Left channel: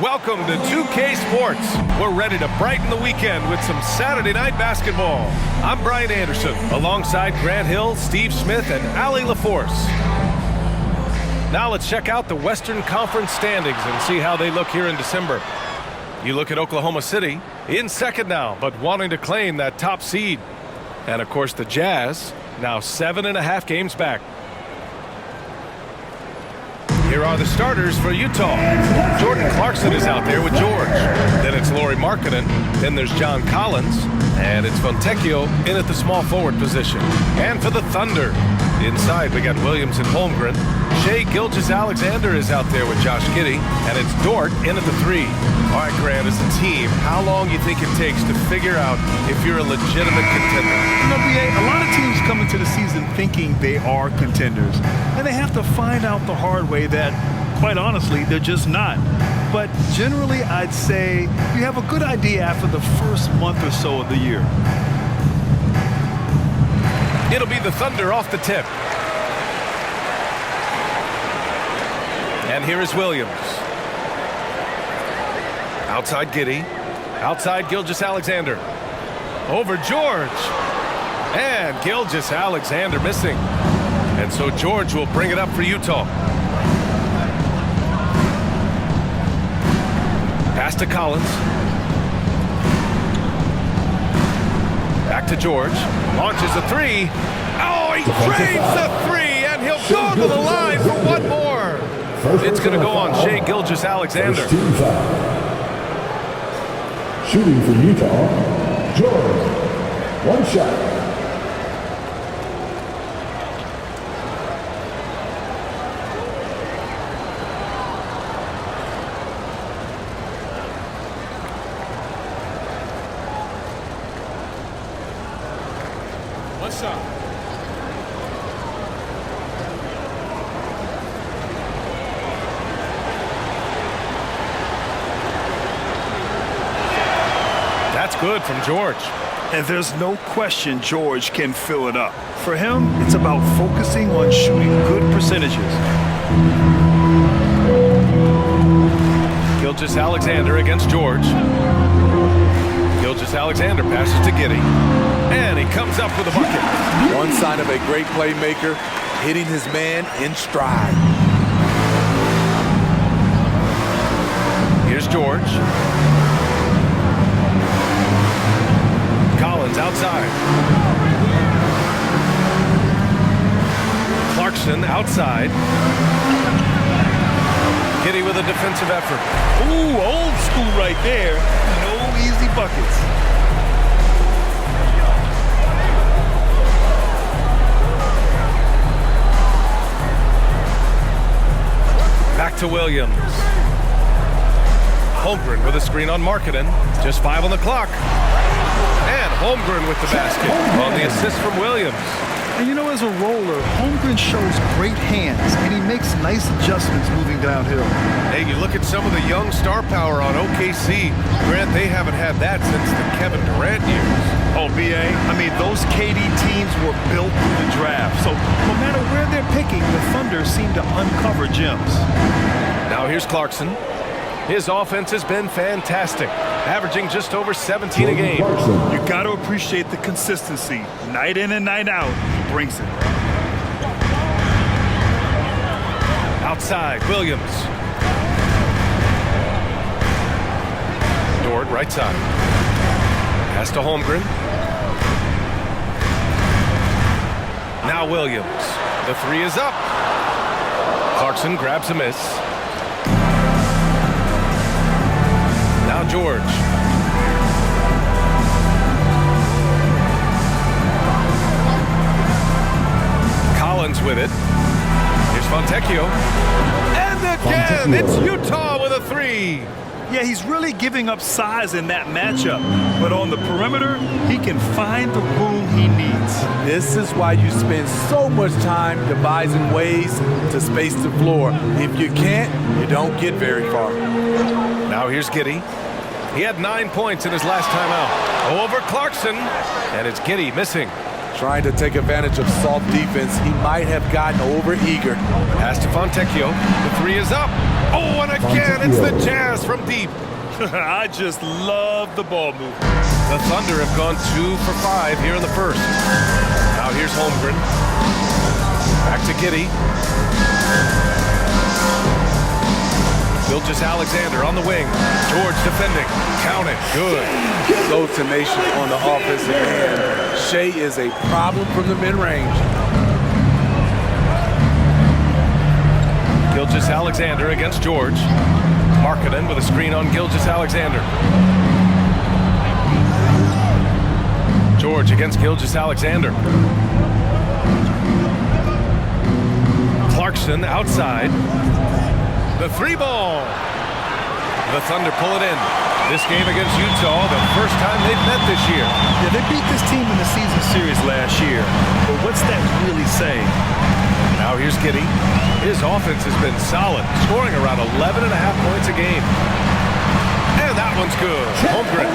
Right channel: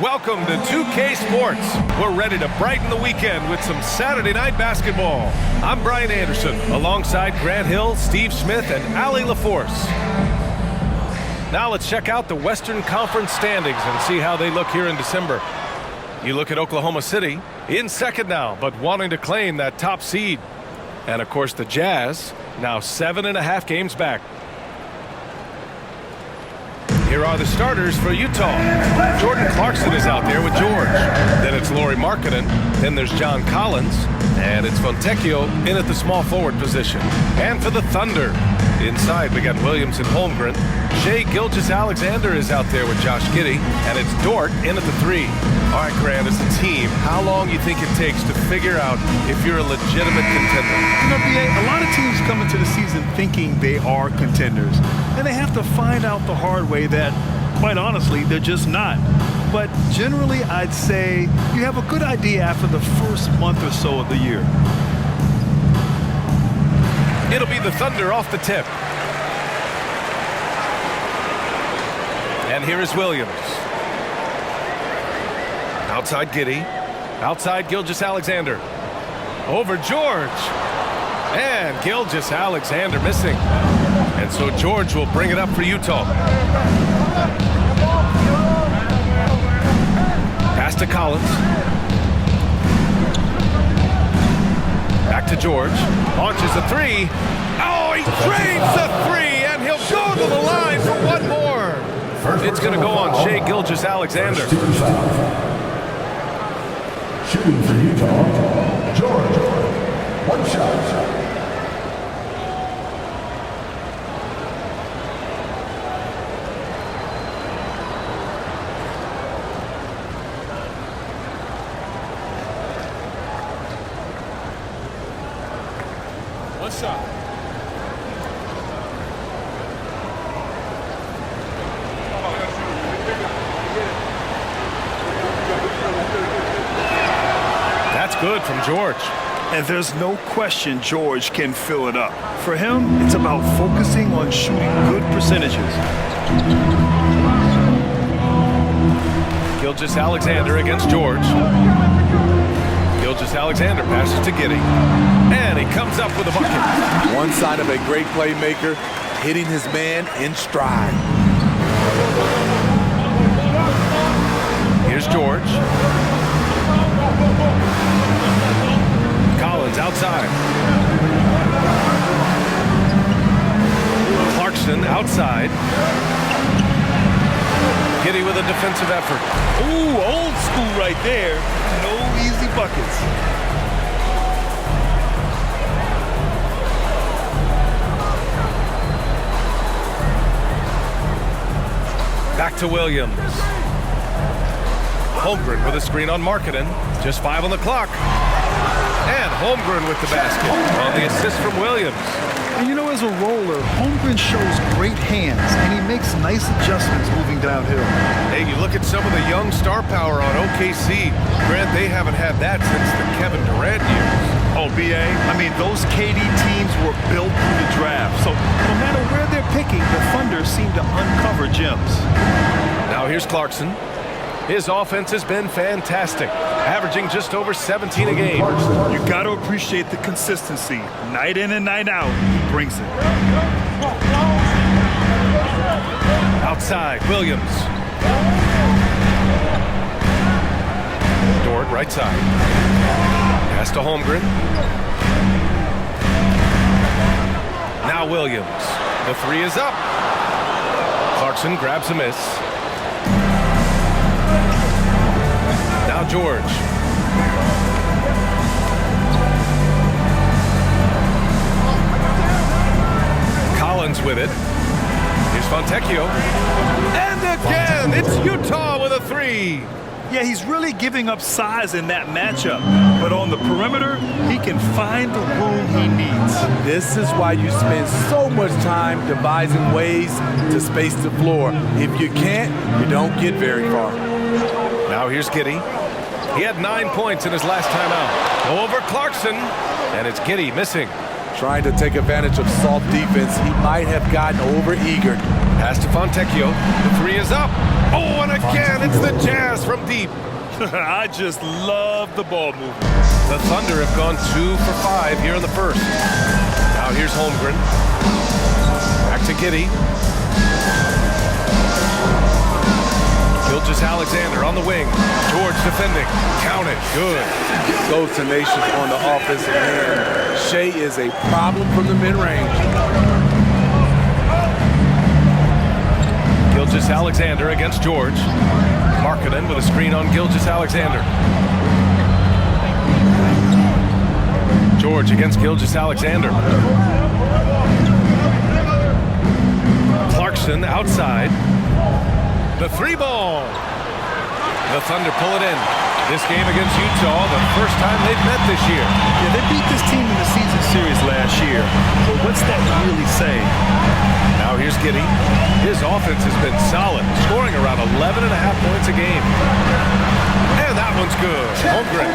Welcome to 2K Sports. We're ready to brighten the weekend with some Saturday night basketball. I'm Brian Anderson, alongside Grant Hill, Steve Smith, and Allie LaForce. Now let's check out the Western Conference standings and see how they look here in December. You look at Oklahoma City, in second now, but wanting to claim that top seed. And of course the Jazz, now 7.5 games back. Here are the starters for Utah. Jordan Clarkson is out there with George. Then it's Lauri Markkanen. Then there's John Collins. And it's Fontecchio in at the small forward position. And for the Thunder, inside we got Williams and Holmgren. Shai Gilgeous-Alexander is out there with Josh Giddey. And it's Dort in at the 3. All right, Grant, as a team, how long you think it takes to figure out if you're a legitimate contender? You know, BA, a lot of teams come into the season thinking they are contenders, and they have to find out the hard way that, quite honestly, they're just not. But generally, I'd say you have a good idea after the first month or so of the year. It'll be the Thunder off the tip. And here is Williams. Outside Giddey. Outside Gilgeous-Alexander. Over George. And Gilgeous-Alexander missing. And so George will bring it up for Utah. Pass to Collins. Back to George. Launches a 3. Oh, he drains the 3, and he'll go to the line for one more. It's going to go on Shai Gilgeous-Alexander. Shooting for Utah, George. One shot. One shot. That's good from George. And there's no question George can fill it up. For him, it's about focusing on shooting good percentages. Gilgeous-Alexander against George. Gilgeous-Alexander passes to Giddey. And he comes up with a bucket. One sign of a great playmaker, hitting his man in stride. Here's George. Collins outside. Clarkson outside. Giddey with a defensive effort. Ooh, old school right there. No easy buckets. Back to Williams. Holmgren with a screen on Markkanen. Just 5 on the clock. And Holmgren with the basket on the assist from Williams. And you know, as a roller, Holmgren shows great hands, and he makes nice adjustments moving downhill. Hey, you look at some of the young star power on OKC. Grant, they haven't had that since the Kevin Durant years. Oh, BA, I mean, those KD teams were built through the draft. So no matter where they're picking, the Thunder seem to uncover gems. Now here's Clarkson. His offense has been fantastic, averaging just over 17 a game. You got to appreciate the consistency. Night in and night out, he brings it. Outside, Williams. Dort, right side. Pass to Holmgren. Now Williams. The 3 is up. Clarkson grabs a miss. Now George. Collins with it. Here's Fontecchio. And again, it's Utah with a 3. Yeah, he's really giving up size in that matchup. But on the perimeter, he can find the room he needs. This is why you spend so much time devising ways to space the floor. If you can't, you don't get very far. Now here's Giddey. He had 9 points in his last time out. Over Clarkson, and it's Giddey missing. Trying to take advantage of soft defense, he might have gotten over-eager. Pass to Fontecchio. The three is up. Oh, and again, it's the Jazz from deep. I just love the ball movement. The Thunder have gone 2 for 5 here in the first. Now here's Holmgren. Back to Giddey. Gilgeous-Alexander on the wing. George defending. Count it. Good. So tenacious on the offensive end. Shea is a problem from the mid-range. Gilgeous-Alexander against George. Markkanen with a screen on Gilgeous-Alexander. George against Gilgeous-Alexander. Clarkson outside. The three ball. The Thunder pull it in. This game against Utah, the first time they've met this year. Yeah, they beat this team in the season series last year. But what's that really saying? Now here's Giddey. His offense has been solid, scoring around 11.5 points a game. And that one's good. Holmgren.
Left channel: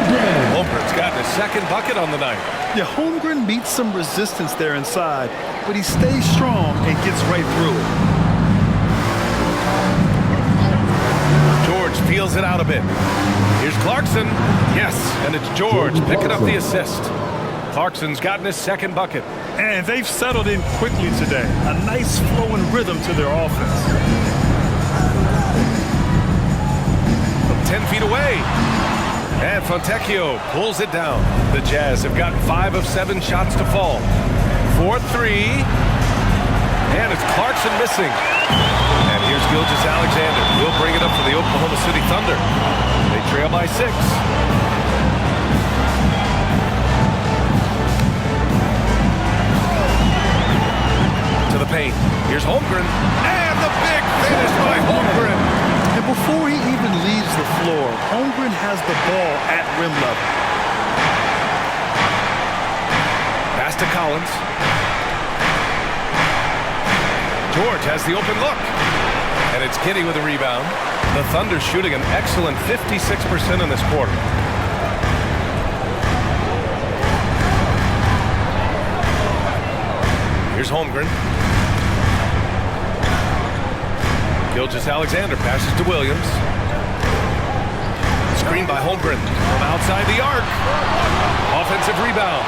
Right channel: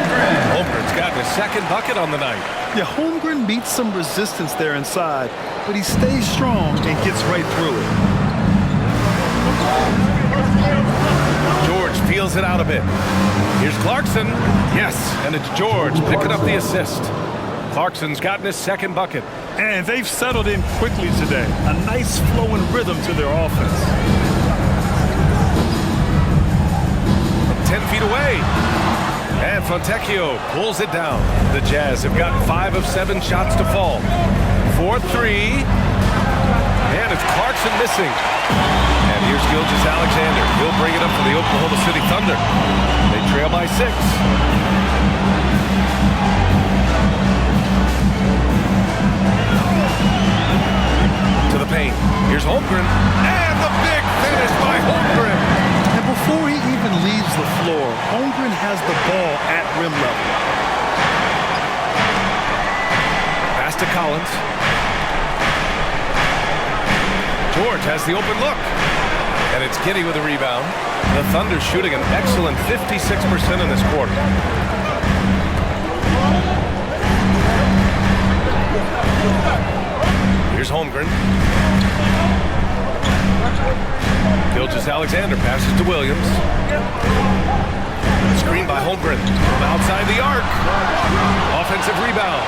Holmgren's gotten his second bucket on the night. Yeah, Holmgren meets some resistance there inside, but he stays strong and gets right through it. George feels it out a bit. Here's Clarkson. Yes, and it's George picking up the assist. Clarkson's gotten his second bucket. And they've settled in quickly today. A nice flowing rhythm to their offense. From 10 feet away. And Fontecchio pulls it down. The Jazz have gotten 5 of 7 shots to fall. 4-3. And it's Clarkson missing. And here's Gilgeous-Alexander. He'll bring it up for the Oklahoma City Thunder. They trail by 6. To the paint. Here's Holmgren. And the big finish by Holmgren. And before he even leaves the floor, Holmgren has the ball at rim level. Pass to Collins. George has the open look. And it's Giddey with a rebound. The Thunder shooting an excellent 56% in this quarter. Here's Holmgren. Gilgeous-Alexander passes to Williams. Screen by Holmgren from outside the arc. Offensive rebound.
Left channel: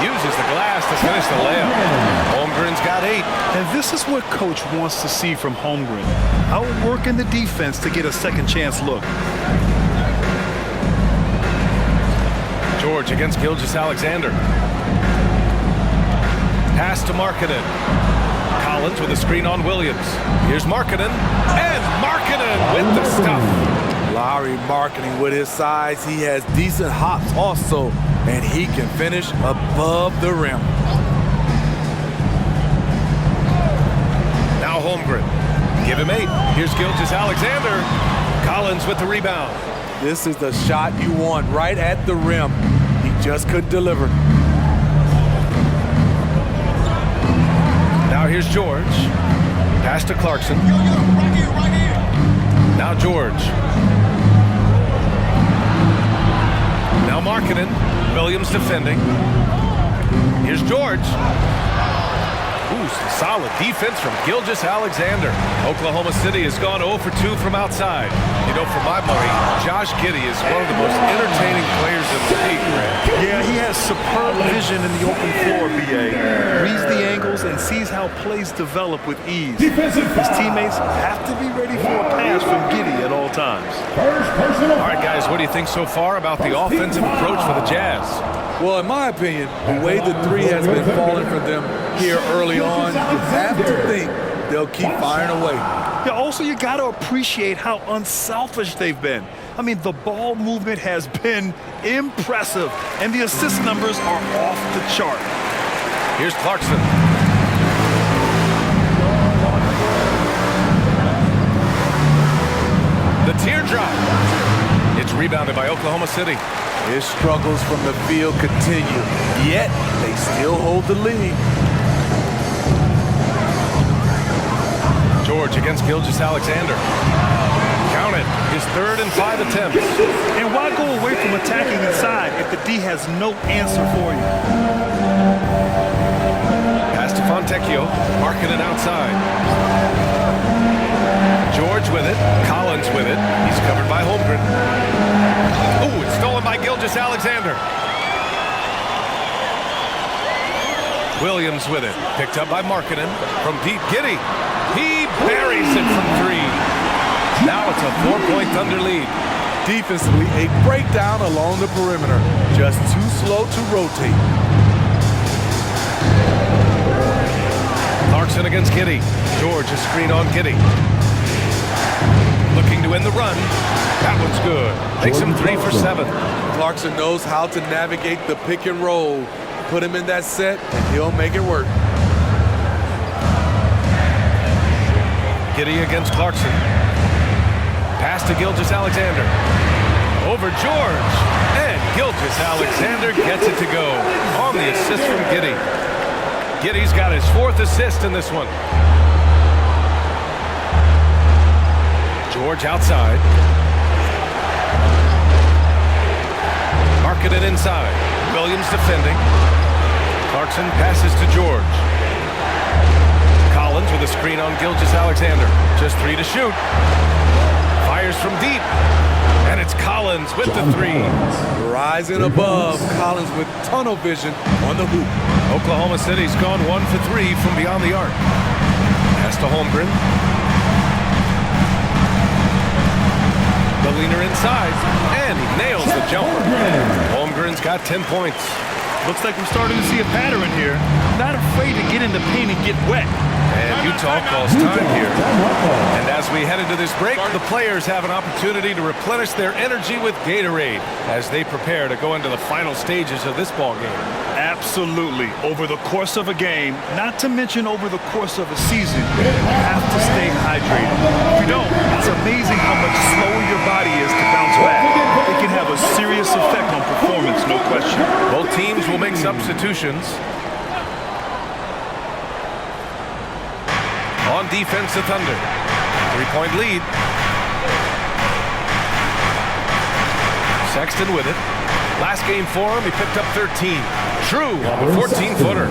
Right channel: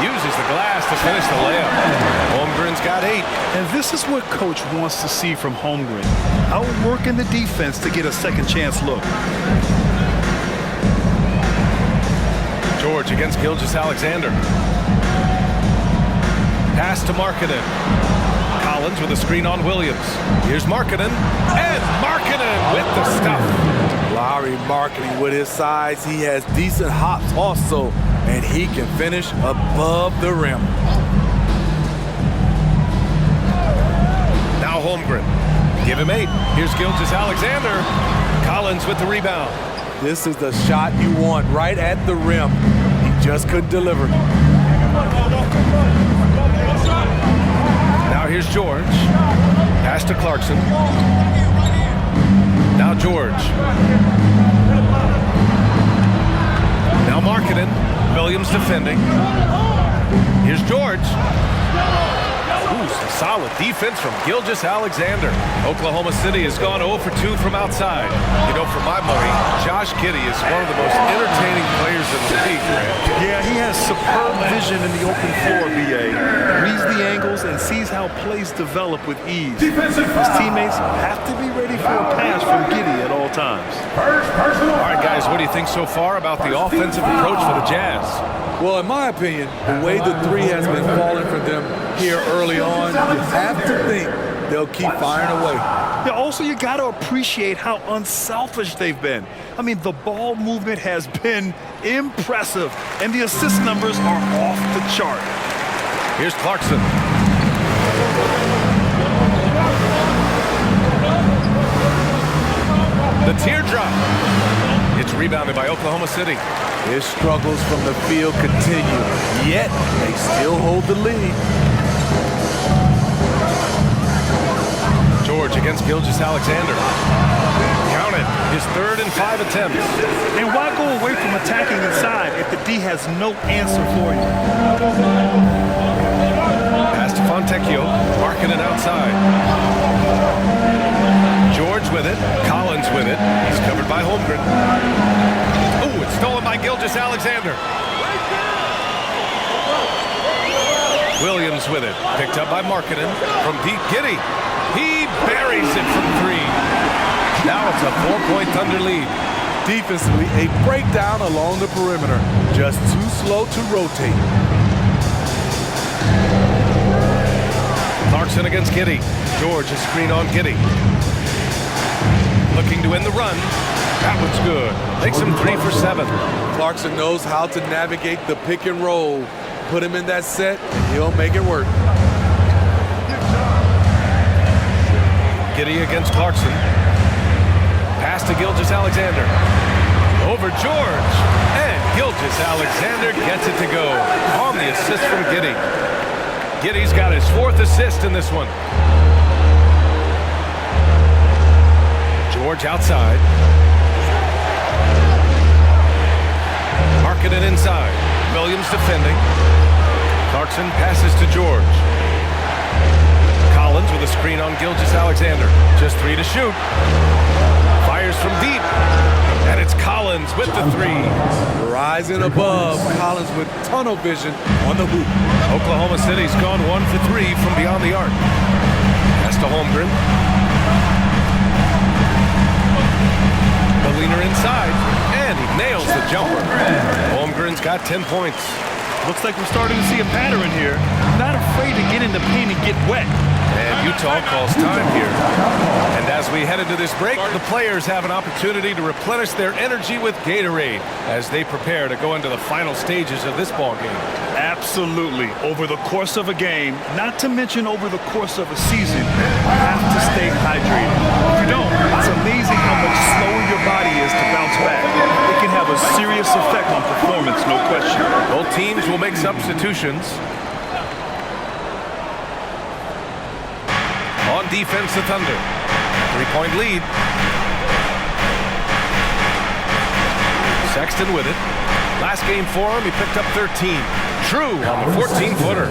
Uses the glass to finish the layup. Holmgren's got 8. And this is what Coach wants to see from Holmgren. Outworking the defense to get a second chance look. George against Gilgeous-Alexander. Pass to Markkanen. Collins with a screen on Williams. Here's Markkanen. And Markkanen with the stuff. Lauri Markkanen with his size. He has decent hops also. And he can finish above the rim. Now Holmgren. Give him 8. Here's Gilgeous-Alexander. Collins with the rebound. This is the shot you want right at the rim. He just couldn't deliver. Now here's George. Pass to Clarkson. Now George. Now Markkanen. Williams defending. Here's George. Ooh, some solid defense from Gilgeous-Alexander. Oklahoma City has gone 0 for 2 from outside. You know, for my money, Josh Giddey is one of the most entertaining players in the league, Grant. Yeah, he has superb vision in the open floor, B.A. Reads the angles and sees how plays develop with ease. His teammates have to be ready for a pass from Giddey at all times. All right, guys, what do you think so far about the offensive approach for the Jazz? Well, in my opinion, the way the three has been falling for them here early on, you have to think they'll keep firing away. Yeah, also, you got to appreciate how unselfish they've been. I mean, the ball movement has been impressive, and the assist numbers are off the chart. Here's Clarkson. The teardrop. It's rebounded by Oklahoma City. His struggles from the field continue, yet they still hold the lead. George against Gilgeous-Alexander. Count it, his 3rd and 5 attempts. And why go away from attacking inside if the D has no answer for you? Pass to Fontecchio, marking it outside. George with it, Collins with it. He's covered by Holmgren. Oh, it's stolen by Gilgeous-Alexander. Williams with it, picked up by Markkanen from deep. Giddey, he buries it from 3. Now it's a 4-point Thunder lead. Defensively, a breakdown along the perimeter. Just too slow to rotate. Clarkson against Giddey. George, a screen on Giddey. Looking to end the run. That one's good. Makes him 3 for 7. Clarkson knows how to navigate the pick and roll. Put him in that set, and he'll make it work. Giddey against Clarkson. Pass to Gilgeous-Alexander. Over George. And Gilgeous-Alexander gets it to go on the assist from Giddey. Giddey's got his 4th assist in this one. George outside. Markkanen inside. Williams defending. Clarkson passes to George. Collins with a screen on Gilgeous-Alexander. Just 3 to shoot. Fires from deep. And it's Collins with the 3. Rising above, Collins with tunnel vision on the hoop. Oklahoma City's gone 1 for 3 from beyond the arc. Pass to Holmgren. The leaner inside, and he nails the jumper. Holmgren's got 10 points. Looks like we're starting to see a pattern here. Not afraid to get in the paint and get wet. And Utah calls time here. And as we head into this break, the players have an opportunity to replenish their energy with Gatorade as they prepare to go into the final stages of this ball game. Absolutely. Over the course of a game, not to mention over the course of a season, you have to stay hydrated. If you don't, it's amazing how much slower your body is to bounce back. It can have a serious effect on performance, no question. Both teams will make substitutions. On defense, the Thunder. 3-point lead. Sexton with it. Last game for him, he picked up 13. True on the 14-footer.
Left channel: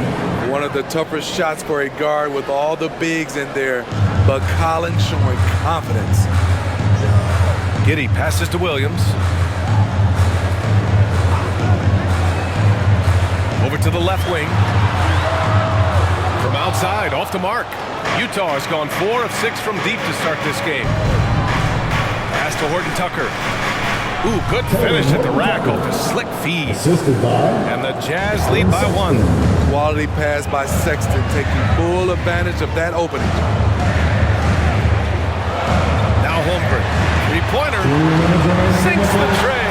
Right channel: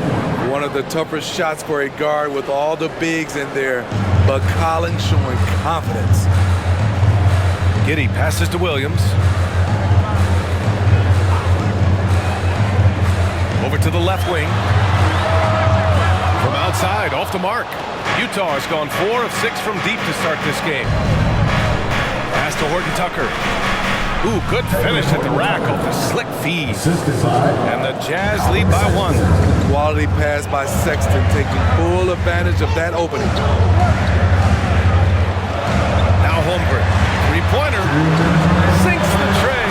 One of the toughest shots for a guard with all the bigs in there, but Collins showing confidence. Giddey passes to Williams. Over to the left wing. From outside, off the mark. Utah has gone 4 of 6 from deep to start this game. Pass to Horton Tucker. Ooh, good finish at the rack off the slick feed. And the Jazz lead by 1. Quality pass by Sexton, taking full advantage of that opening. Now Holmgren. 3-pointer. Sinks the tray.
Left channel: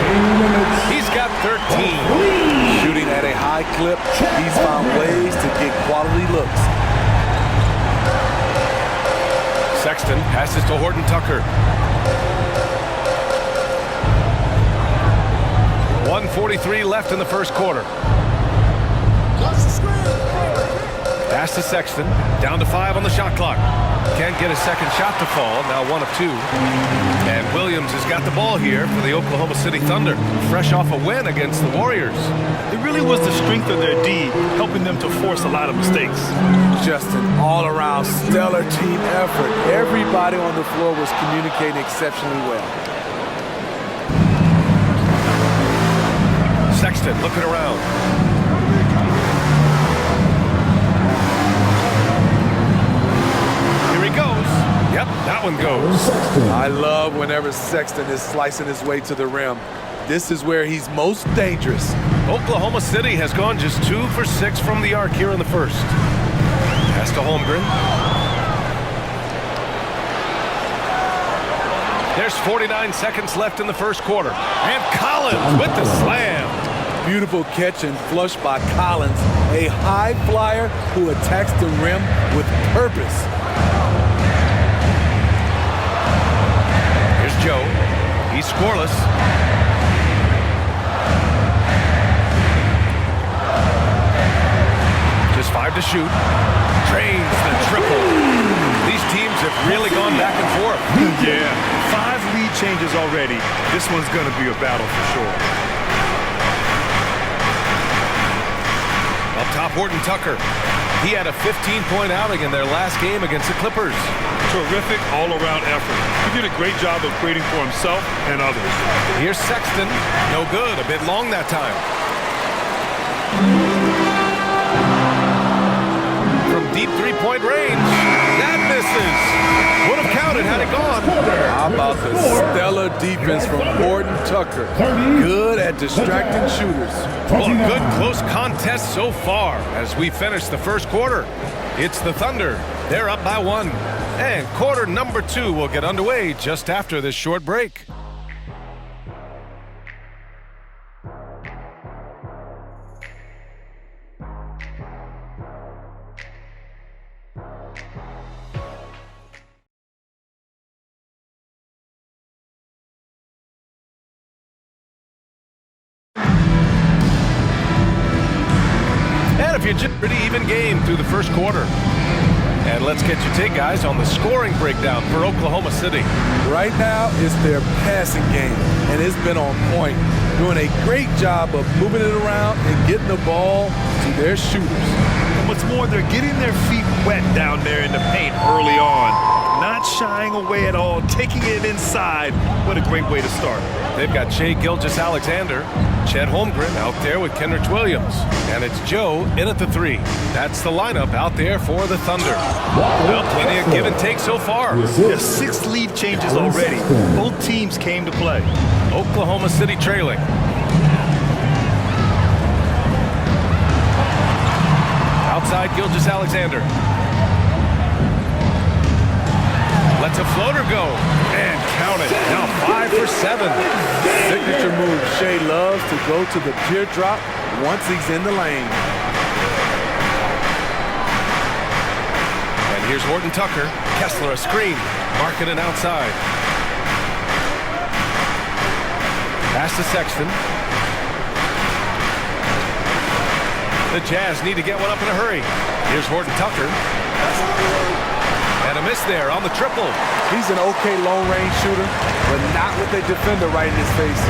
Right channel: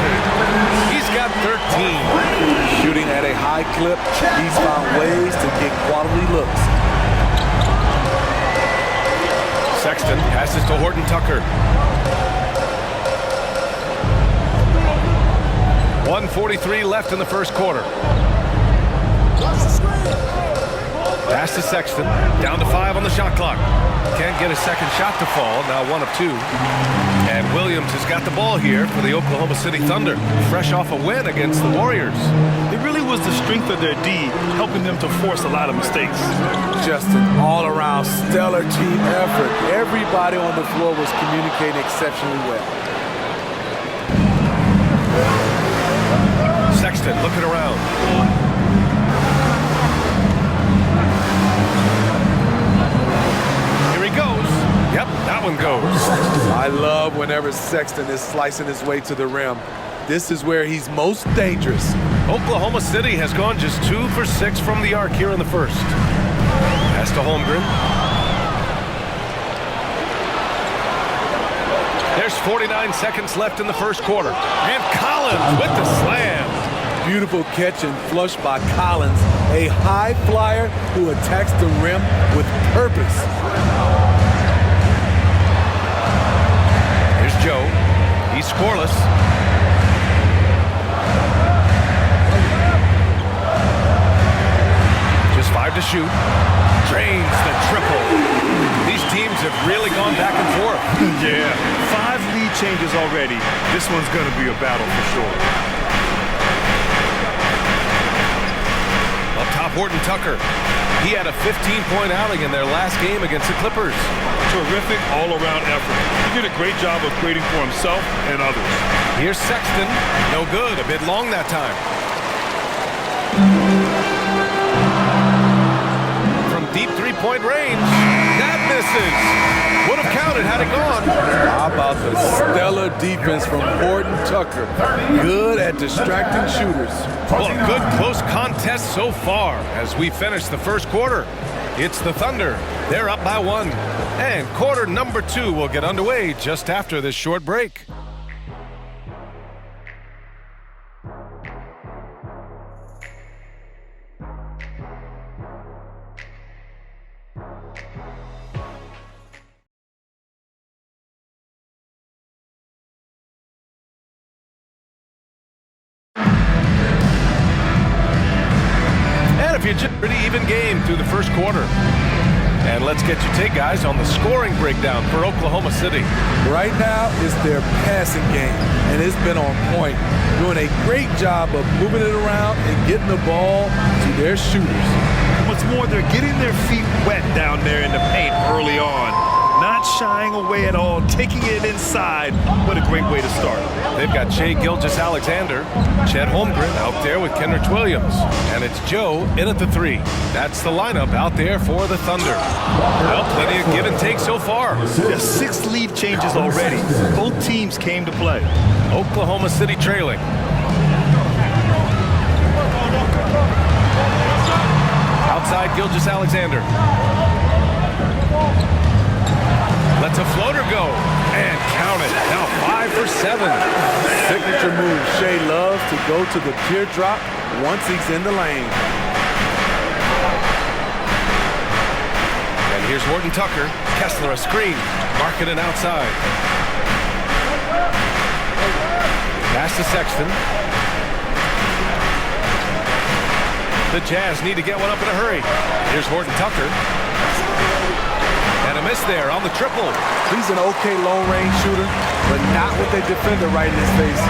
He's got 13. Shooting at a high clip, he's found ways to get quality looks. Sexton passes to Horton Tucker. 1:43 left in the first quarter. Pass to Sexton. Down to 5 on the shot clock. Can't get a second shot to fall. Now 1 of 2. And Williams has got the ball here for the Oklahoma City Thunder. Fresh off a win against the Warriors. It really was the strength of their D helping them to force a lot of mistakes. Just an all-around stellar team effort. Everybody on the floor was communicating exceptionally well. Sexton looking around. Here he goes. Yep, that one goes. I love whenever Sexton is slicing his way to the rim. This is where he's most dangerous. Oklahoma City has gone just 2 for 6 from the arc here in the first. Pass to Holmgren. There's 49 seconds left in the first quarter. And Collins with the slam. Beautiful catch and flush by Collins, a high flyer who attacks the rim with purpose. Here's Joe. He's scoreless. Just 5 to shoot. Drains the triple. These teams have really gone back and forth. Yeah, 5 lead changes already. This one's going to be a battle for sure. Up top, Horton Tucker. He had a 15-point outing in their last game against the Clippers. Terrific all-around effort. He did a great job of creating for himself and others. Here's Sexton. No good. A bit long that time. From deep three-point range. That misses. Would have counted had it gone. How about the stellar defense from Horton Tucker? Good at distracting shooters. Well, a good close contest so far as we finish the first quarter. It's the Thunder. They're up by 1. And quarter number 2 will get underway just after this short break. And if you're just pretty even game through the first quarter. And let's get your take, guys, on the scoring breakdown for Oklahoma City. Right now, it's their passing game, and it's been on point. Doing a great job of moving it around and getting the ball to their shooters. And what's more, they're getting their feet wet down there in the paint early on. Not shying away at all, taking it inside. What a great way to start. They've got Shai Gilgeous-Alexander, Chet Holmgren out there with Kenrich Williams. And it's Joe in at the 3. That's the lineup out there for the Thunder. Well, plenty of give and take so far. There's 6 lead changes already. Both teams came to play. Oklahoma City trailing. Outside Gilgeous-Alexander. Lets a floater go. And count it. Now 5 for 7. Signature move. Shai loves to go to the teardrop once he's in the lane. And here's Horton Tucker. Kessler a screen. Markkanen outside. Pass to Sexton. The Jazz need to get one up in a hurry. Here's Horton Tucker. And a miss there on the triple. He's an okay long-range shooter, but not with a defender right in his face.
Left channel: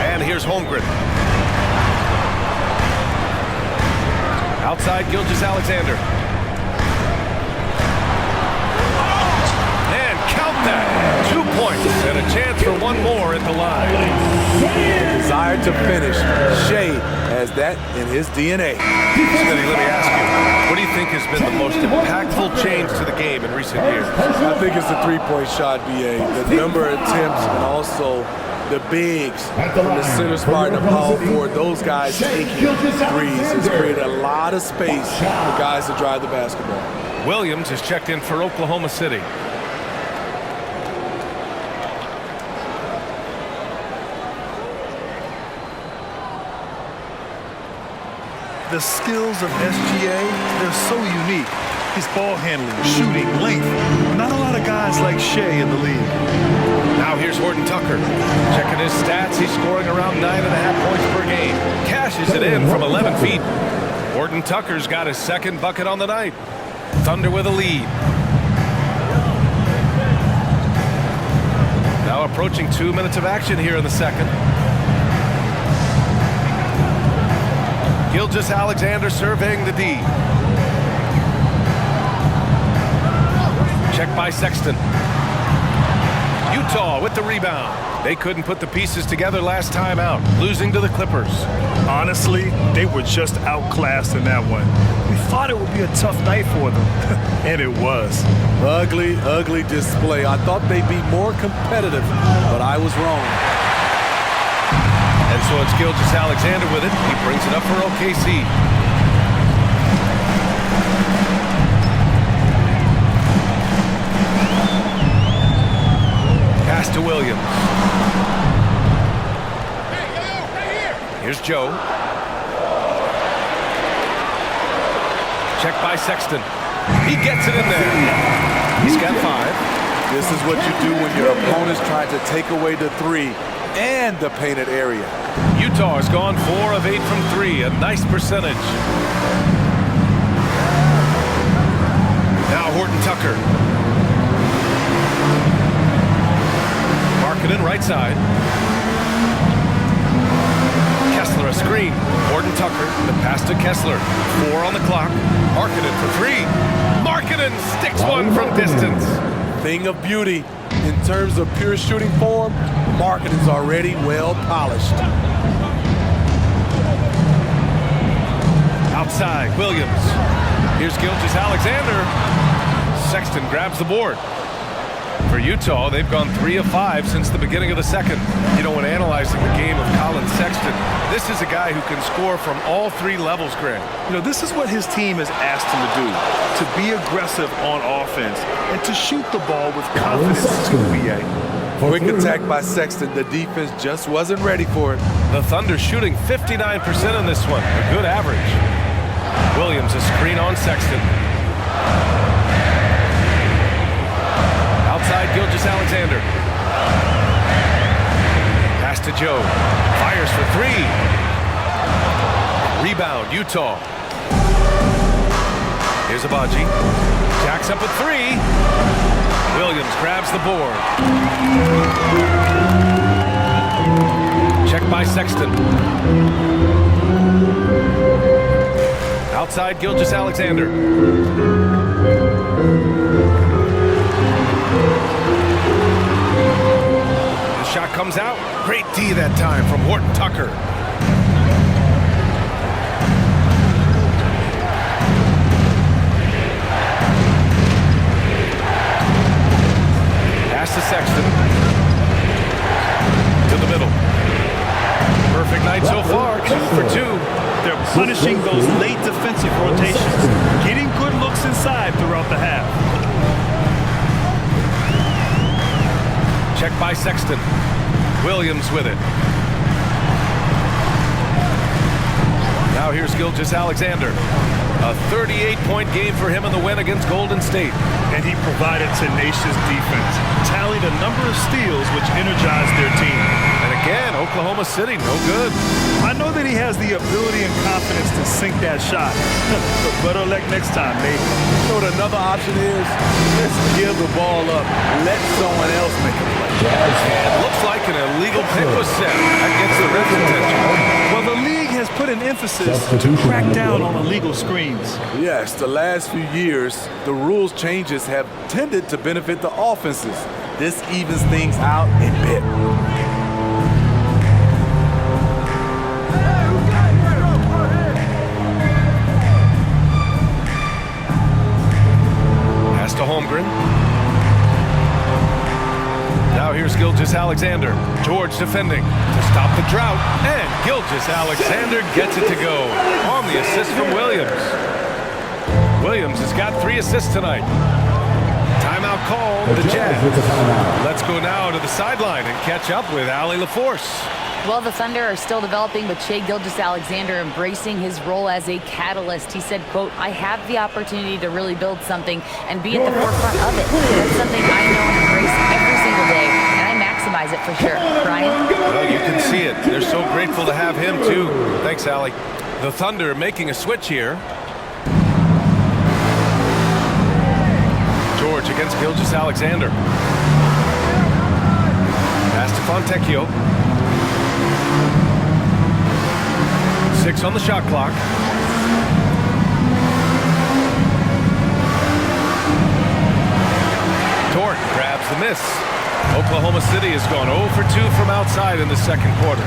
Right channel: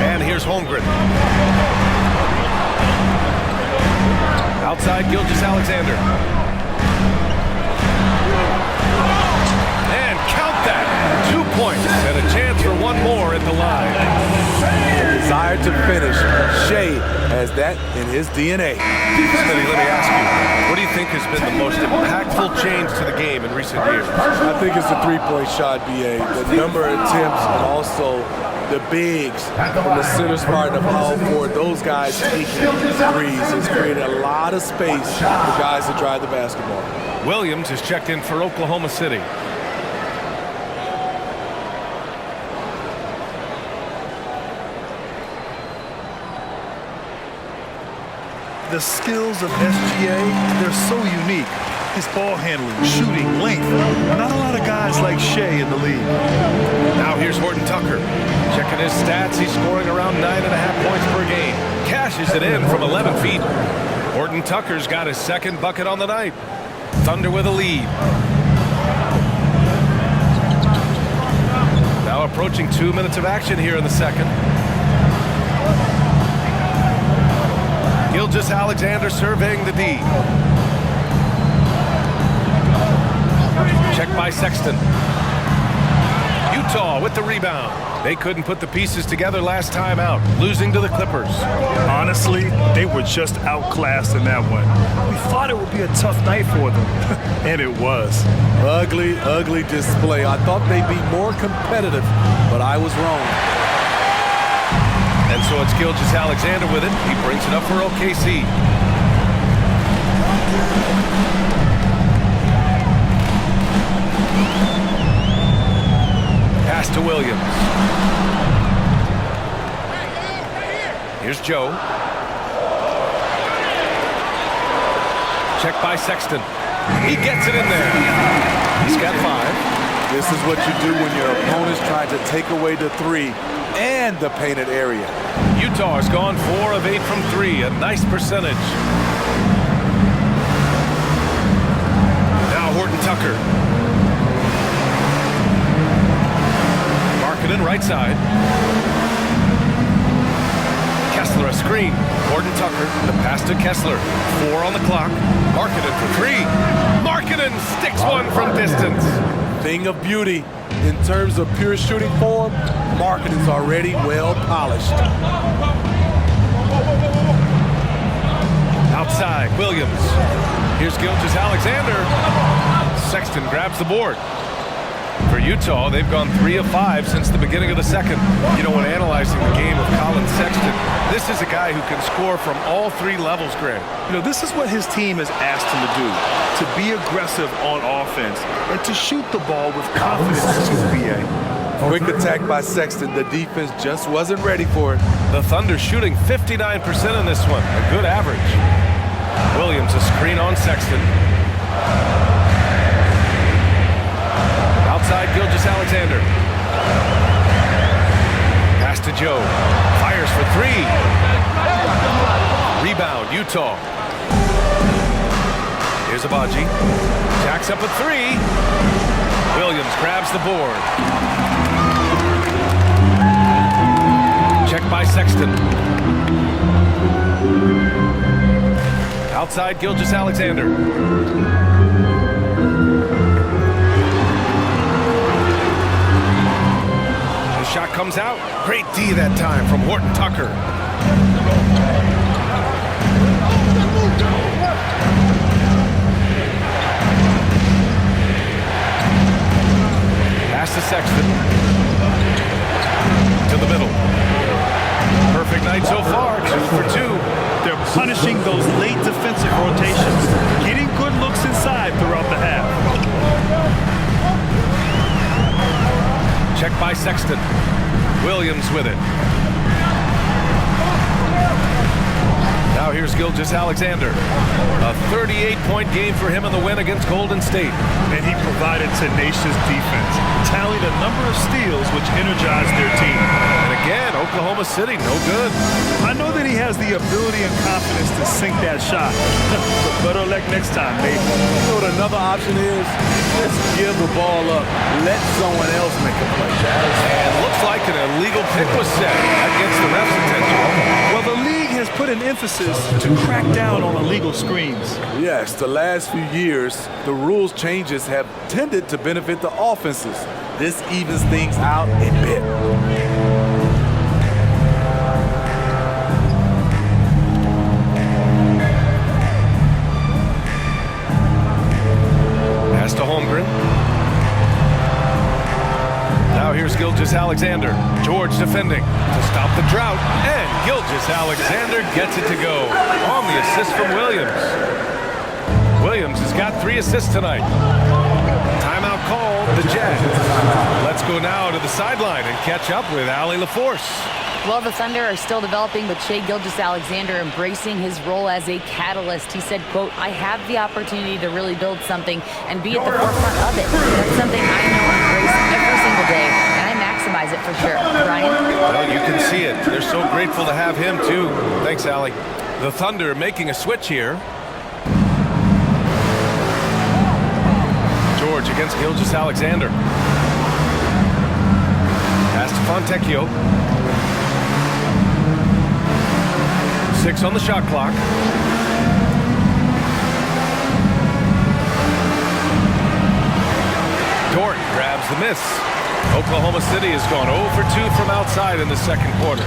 And here's Holmgren. Outside Gilgeous-Alexander. And count that. 2 points and a chance for one more at the line. A desire to finish. Shai has that in his DNA. Smitty, let me ask you, what do you think has been the most impactful change to the game in recent years? I think it's the three-point shot, BA. The number of attempts and also the bigs from the center spot and the power forward. Those guys taking threes has created a lot of space for guys to drive the basketball. Williams is checked in for Oklahoma City. The skills of SGA, they're so unique. His ball handling, shooting, length. Not a lot of guys like Shai in the league. Now here's Horton Tucker. Checking his stats, he's scoring around 9.5 points per game. Cashes it in from 11 feet. Horton Tucker's got his second bucket on the night. Thunder with a lead. Now approaching 2 minutes of action here in the second. Gilgeous-Alexander surveying the D. Check by Sexton. Utah with the rebound. They couldn't put the pieces together last time out, losing to the Clippers. Honestly, they were just outclassed in that one. We thought it would be a tough night for them, and it was. Ugly, ugly display. I thought they'd be more competitive, but I was wrong. And so it's Gilgeous-Alexander with it. He brings it up for OKC. Pass to Williams. Here's Joe. Check by Sexton. He gets it in there. He's got 5. This is what you do when your opponent's trying to take away the 3 and the painted area. Utah has gone 4 of 8 from 3, a nice percentage. Now Horton Tucker. Markkanen right side. Kessler a screen. Gordon Tucker, the pass to Kessler. 4 on the clock. Markkanen for 3. Markkanen sticks one from distance. Thing of beauty. In terms of pure shooting form, Markkanen's already well polished. Outside, Williams. Here's Gilgeous-Alexander. Sexton grabs the board. For Utah, they've gone 3 of 5 since the beginning of the second. You know, when analyzing the game of Colin Sexton, this is a guy who can score from all 3 levels, Grant. You know, this is what his team has asked him to do, to be aggressive on offense and to shoot the ball with confidence too, BA. Quick attack by Sexton. The defense just wasn't ready for it. The Thunder shooting 59% in this one, a good average. Williams, a screen on Sexton. Outside, Gilgeous-Alexander. Pass to Joe. Fires for 3. Rebound, Utah. Here's Abaji. Jacks up at 3. Williams grabs the board. Check by Sexton. Outside, Gilgeous-Alexander. The shot comes out. Great D that time from Horton Tucker. Pass to Sexton. To the middle. Perfect night so far, 2 for 2. They're punishing those late defensive rotations, getting good looks inside throughout the half. Check by Sexton. Williams with it. Now here's Gilgeous-Alexander. A 38-point game for him in the win against Golden State. And he provided tenacious defense, tallied a number of steals which energized their team. And again, Oklahoma City, no good. I know that he has the ability and confidence to sink that shot, but better luck next time, Nate. You know what another option is? Just give the ball up. Let someone else make a play. And looks like an illegal pick was set. That gets the ref's attention. Well, the league has put an emphasis to crack down on illegal screens. Yes, the last few years, the rules changes have tended to benefit the offenses. This evens things out a bit. Pass to Holmgren. Now here's Gilgeous-Alexander. George defending to stop the drought. And Gilgeous-Alexander gets it to go on the assist from Williams. Williams has got 3 assists tonight. Timeout called, the Jazz. Let's go now to the sideline and catch up with Allie LaForce. Well, the Thunder are still developing, but Shai Gilgeous-Alexander embracing his role as a catalyst. He said, quote, "I have the opportunity to really build something and be at the forefront of it. That's something I know and embrace every single day, and I maximize it for sure." Brian? Well, you can see it. They're so grateful to have him, too. Thanks, Allie. The Thunder making a switch here. George against Gilgeous-Alexander. Pass to Fontecchio. 6 on the shot clock. Dort grabs the miss. Oklahoma City has gone 0 for 2 from outside in the second quarter.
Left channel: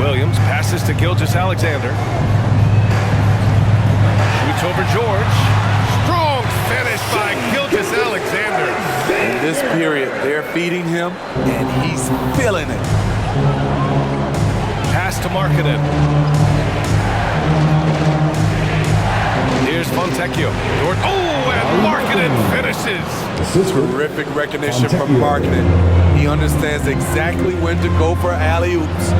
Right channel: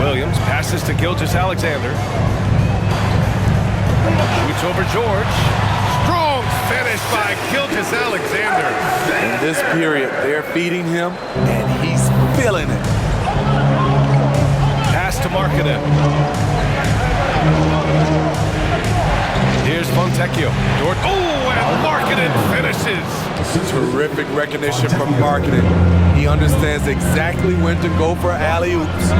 Williams passes to Gilgeous-Alexander. Shoots over George. Strong finish by Gilgeous-Alexander. In this period, they're feeding him, and he's feeling it. Pass to Markkanen. Here's Fontecchio. Dort. Oh, and Markkanen finishes. Terrific recognition from Markkanen. He understands exactly when to go for alley-oops.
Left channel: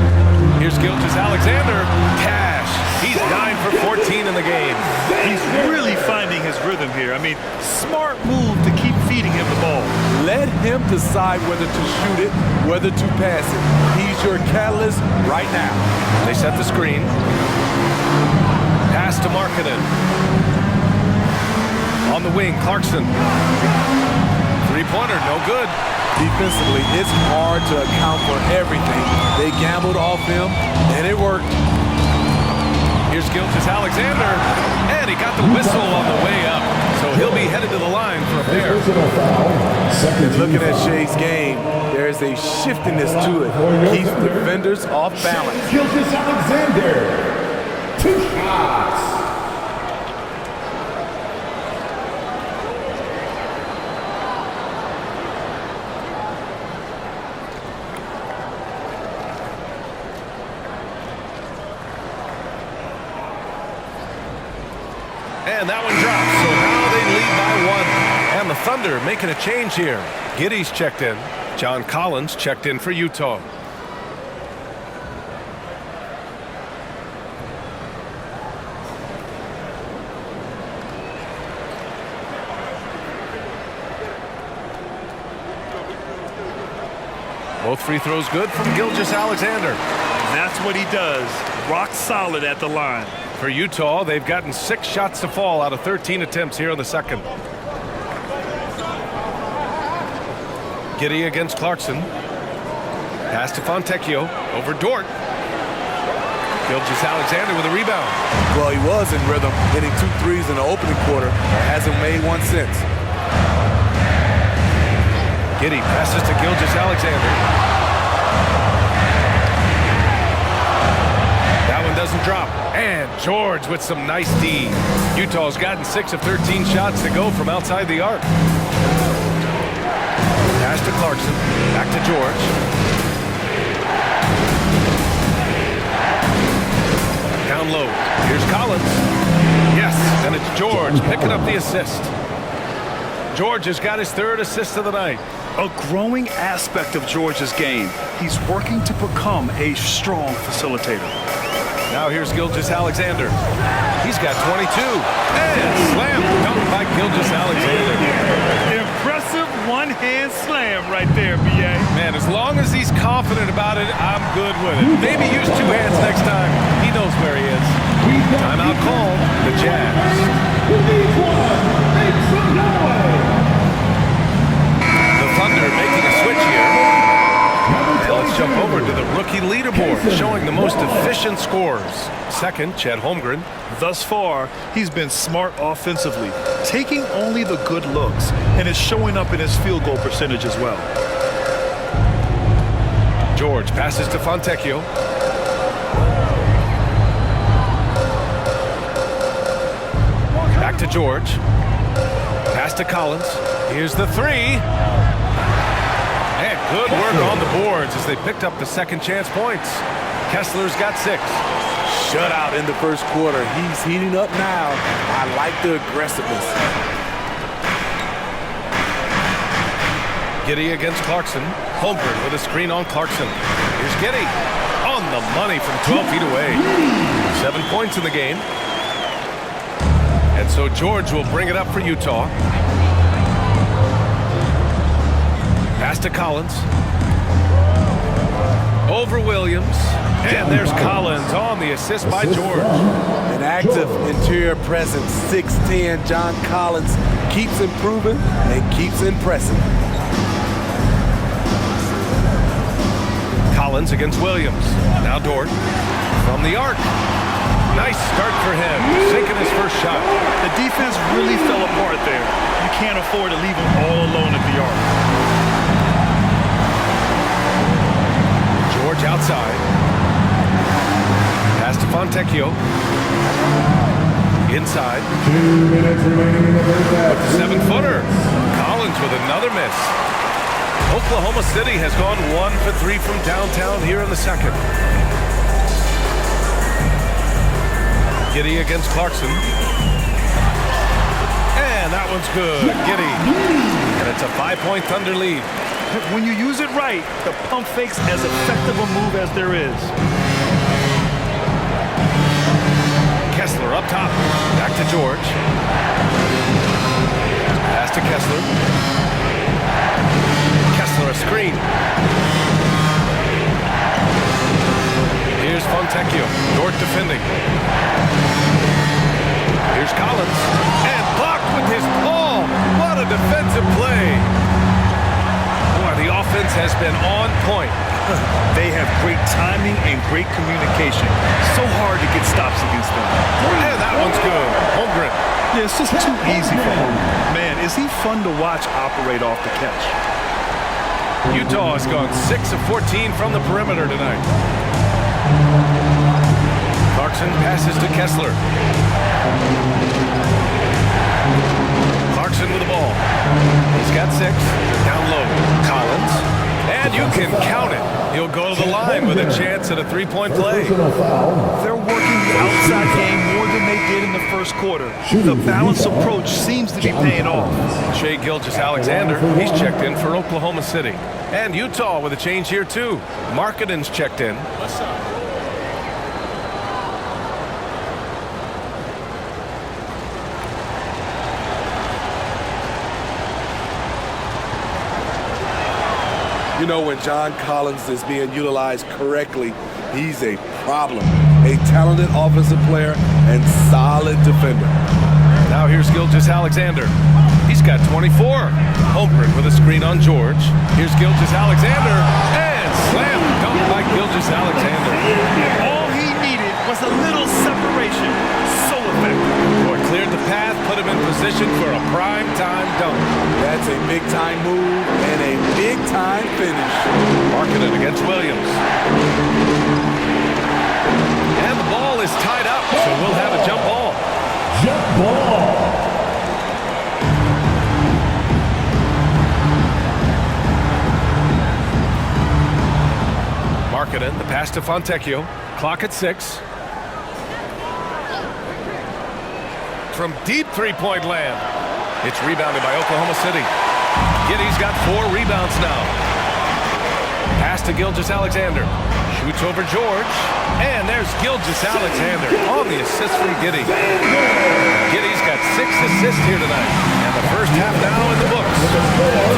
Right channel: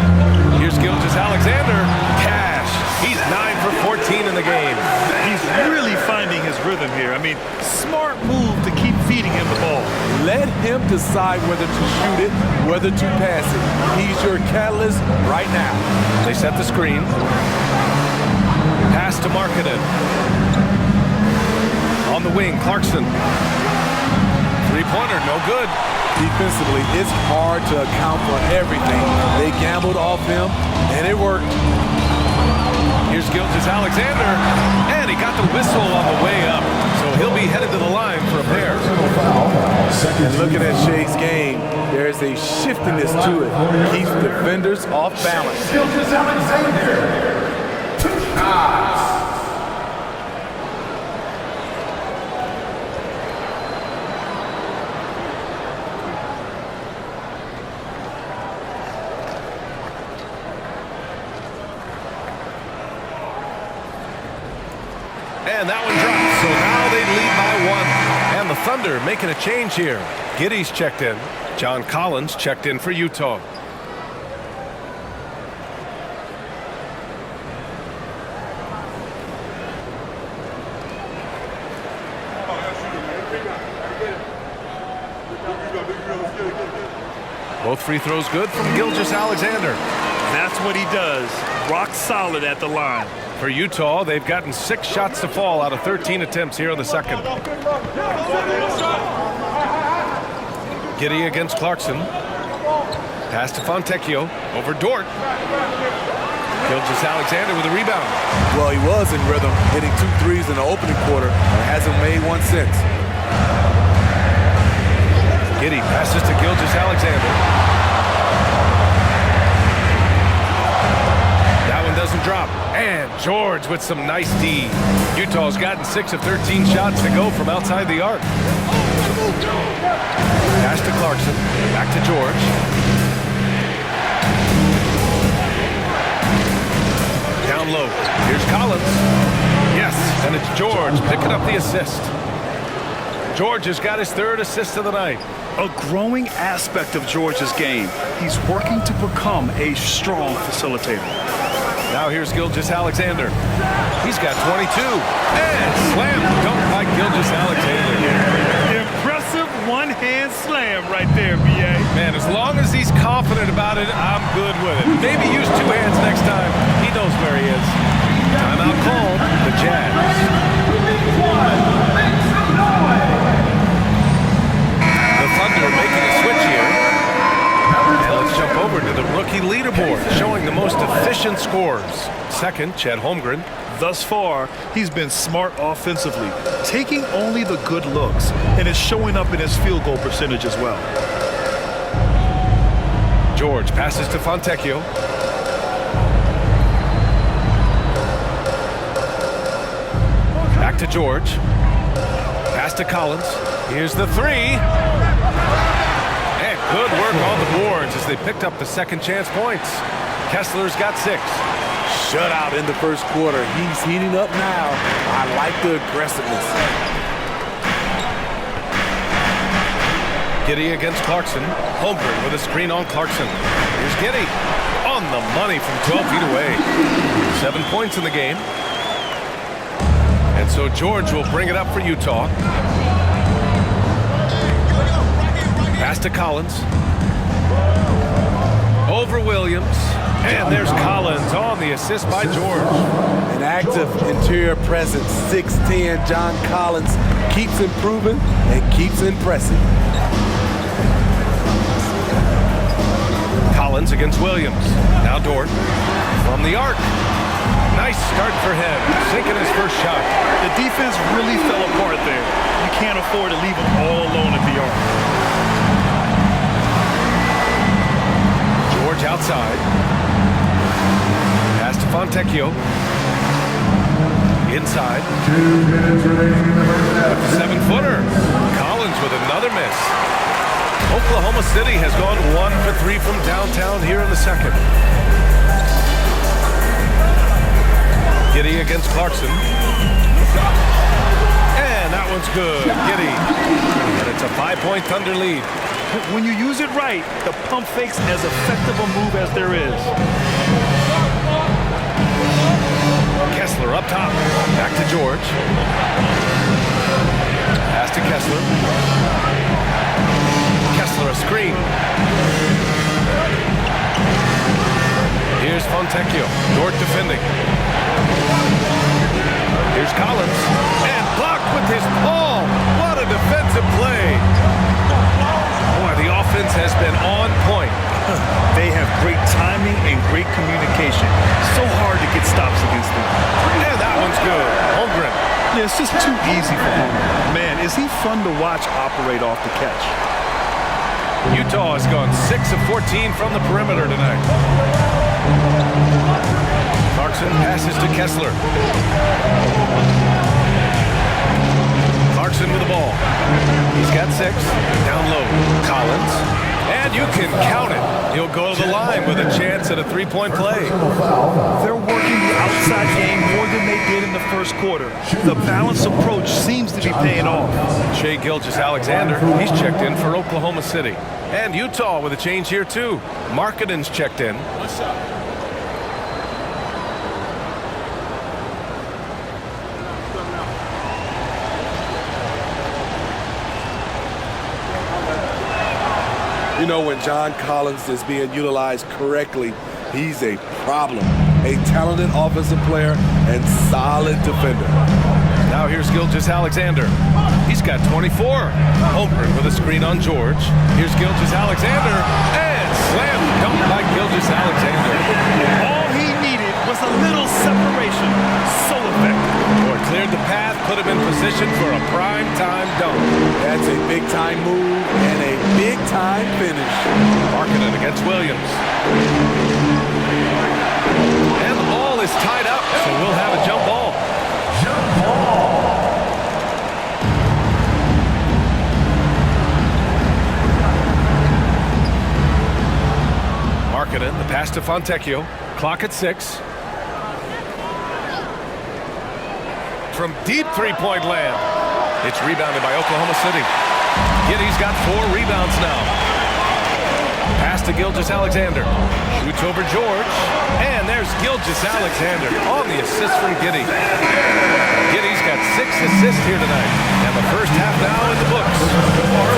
Here's Gilgeous-Alexander. Cash. He's 9 for 14 in the game. He's really finding his rhythm here. I mean, smart move to keep feeding him the ball. Let him decide whether to shoot it, whether to pass it. He's your catalyst right now. They set the screen. Pass to Markkanen. On the wing, Clarkson. Three-pointer, no good. Defensively, it's hard to account for everything. They gambled off him, and it worked. Here's Gilgeous-Alexander, and he got the whistle on the way up. So he'll be headed to the line for a pair. And looking at Shea's game, there's a shiftiness to it. Keeps defenders off balance. Gilgeous-Alexander, 2 shots. And that one drops, so now they lead by 1. And the Thunder making a change here. Giddey's checked in. John Collins checked in for Utah. Both free throws good from Gilgeous-Alexander. That's what he does. Rock solid at the line. For Utah, they've gotten 6 shots to fall out of 13 attempts here in the second. Giddey against Clarkson. Pass to Fontecchio over Dort. Gilgeous-Alexander with a rebound. Well, he was in rhythm, hitting 2 threes in the opening quarter, but hasn't made one since. Giddey passes to Gilgeous-Alexander. That one doesn't drop. And George with some nice D. Utah's gotten 6 of 13 shots to go from outside the arc. Pass to Clarkson. Back to George. Down low. Here's Collins. Yes, and it's George picking up the assist. George has got his 3rd assist of the night. A growing aspect of George's game. He's working to become a strong facilitator. Now here's Gilgeous-Alexander. He's got 22. And slam dunk by Gilgeous-Alexander. Impressive one-hand slam right there, B.A. Man, as long as he's confident about it, I'm good with it. Maybe use 2 hands next time. He knows where he is. Timeout called, the Jazz. The Thunder making a switch here. And let's jump over to the rookie leaderboard, showing the most efficient scores. Second, Chet Holmgren. Thus far, he's been smart offensively, taking only the good looks, and is showing up in his field goal percentage as well. George passes to Fontecchio. Back to George. Pass to Collins. Here's the 3. And good work on the boards as they picked up the second chance points. Kessler's got 6. Shutout in the first quarter. He's heating up now. I like the aggressiveness. Giddey against Clarkson. Holmgren with a screen on Clarkson. Here's Giddey on the money from 12 feet away. 7 points in the game. And so George will bring it up for Utah. Pass to Collins. Over Williams. And there's Collins on the assist by George. An active interior presence. 6'10" John Collins keeps improving and keeps impressing. Collins against Williams. Now Dort from the arc. Nice start for him, sinking his first shot. The defense really fell apart there. You can't afford to leave him all alone at the arc. George outside. Pass to Fontecchio. Inside. With the 7-footer. Collins with another miss. Oklahoma City has gone 1 for 3 from downtown here in the second. Giddey against Clarkson. And that one's good. Giddey. And it's a 5-point Thunder lead. When you use it right, the pump fake's as effective a move as there is. Kessler up top. Back to George. Pass to Kessler. Kessler a screen. Here's Fontecchio. Dort defending. Here's Collins. And blocked with his palm. What a defensive play. Boy, the offense has been on point. They have great timing and great communication. So hard to get stops against them. And that one's good. Holmgren. Yeah, it's just too easy for Holmgren. Man, is he fun to watch operate off the catch. Utah has gone 6 of 14 from the perimeter tonight. Clarkson passes to Kessler. Clarkson with the ball. He's got 6. Down low. Collins. And you can count it. He'll go to the line with a chance at a three-point play. They're working the outside game more than they did in the first quarter. The balanced approach seems to be paying off. Shai Gilgeous-Alexander, he's checked in for Oklahoma City. And Utah with a change here too. Markkanen's checked in. What's up? You know, when John Collins is being utilized correctly, he's a problem. A talented offensive player and solid defender. Now here's Gilgeous-Alexander. He's got 24. Holmgren with a screen on George. Here's Gilgeous-Alexander. And slam dunk by Gilgeous-Alexander. All he needed was a little separation. So effective. Boy, cleared the path, put him in position for a prime-time dunk. That's a big-time move and a big-time finish. Markkanen against Williams. And the ball is tied up, so we'll have a jump ball. Jump ball. Markkanen, the pass to Fontecchio. Clock at 6. From deep three-point land. It's rebounded by Oklahoma City. Giddey's got 4 rebounds now. Pass to Gilgeous-Alexander. Shoots over George. And there's Gilgeous-Alexander on the assist from Giddey. Giddey's got 6 assists here tonight. And the first half now in the books.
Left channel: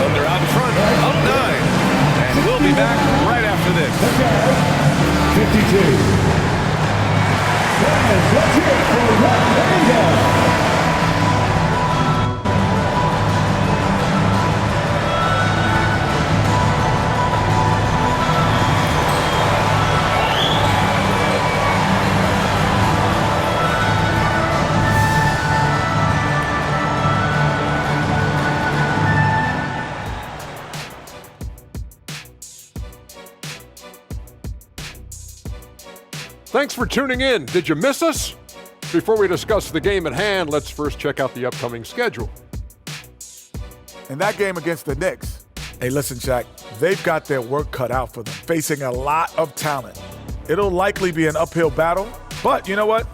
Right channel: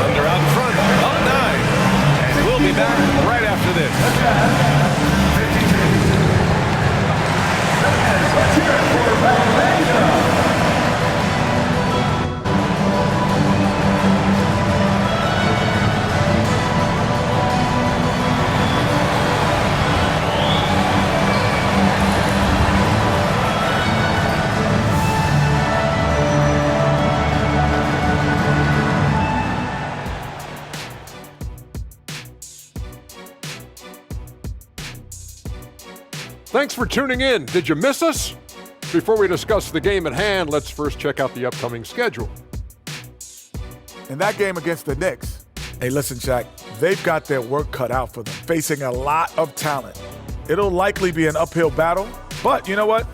Thunder out in front, up 9. And we'll be back right after this. 52. Fans, let's hear it for Romania. Thanks for tuning in. Did you miss us? Before we discuss the game at hand, let's first check out the upcoming schedule. In that game against the Knicks, hey, listen, Shaq, they've got their work cut out for them, facing a lot of talent. It'll likely be an uphill battle, but you know what?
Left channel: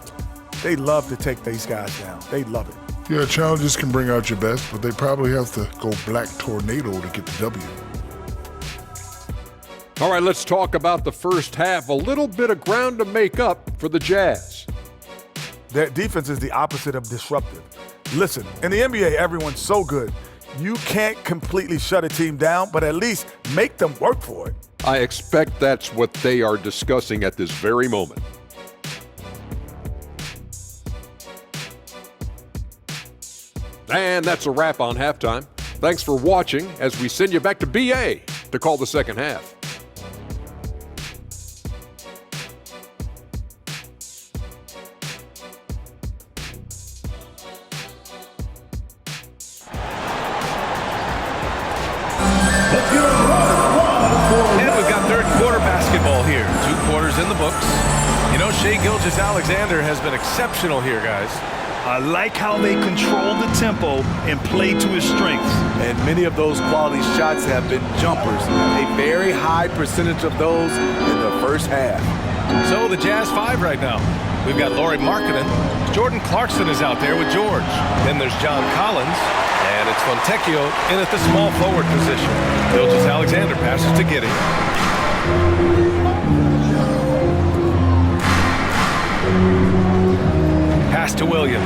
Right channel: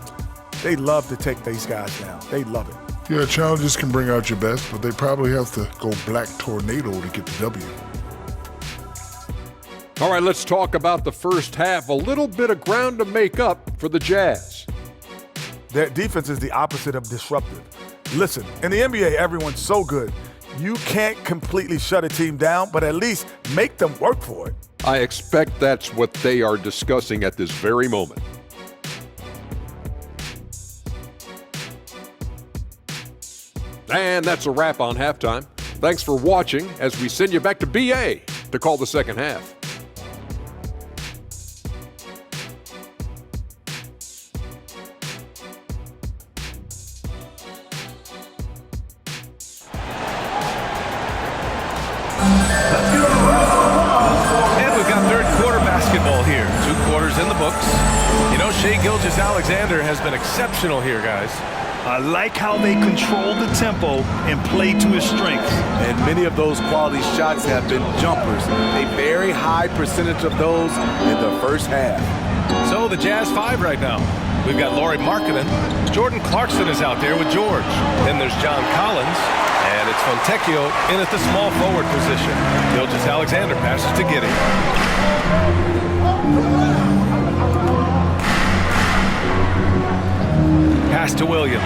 They love to take these guys down. They love it. Yeah, challenges can bring out your best, but they probably have to go black tornado to get the W. All right, let's talk about the first half. A little bit of ground to make up for the Jazz. Their defense is the opposite of disruptive. Listen, in the NBA, everyone's so good. You can't completely shut a team down, but at least make them work for it. I expect that's what they are discussing at this very moment. And that's a wrap on halftime. Thanks for watching as we send you back to BA to call the second half. Basketball here. 2 quarters in the books. You know, Shai Gilgeous-Alexander has been exceptional here, guys. I like how they control the tempo and play to his strengths. And many of those quality shots have been jumpers. A very high percentage of those in the first half. So the Jazz 5 right now. We've got Lauri Markkanen. Jordan Clarkson is out there with George. Then there's John Collins. And it's Fontecchio in at the small forward position. Gilgeous-Alexander passes to Giddey. Pass to Williams.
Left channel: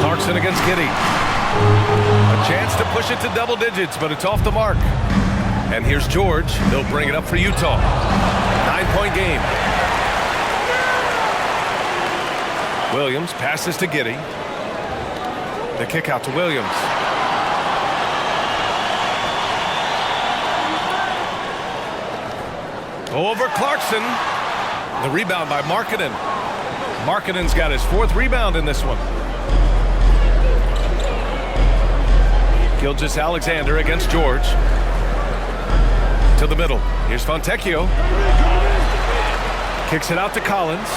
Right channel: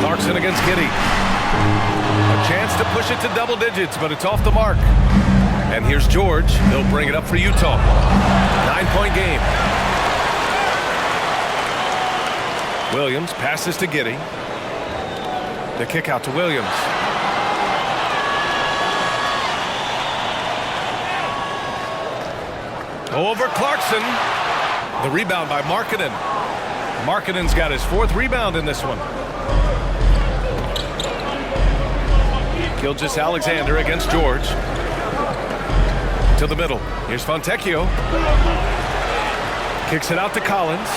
Clarkson against Giddey. A chance to push it to double digits, but it's off the mark. And here's George. They'll bring it up for Utah. 9-point game. Williams passes to Giddey. The kick out to Williams. Over Clarkson. The rebound by Markkanen. Markkanen's got his 4th rebound in this one. Gilgeous-Alexander against George. To the middle. Here's Fontecchio. Kicks it out to Collins.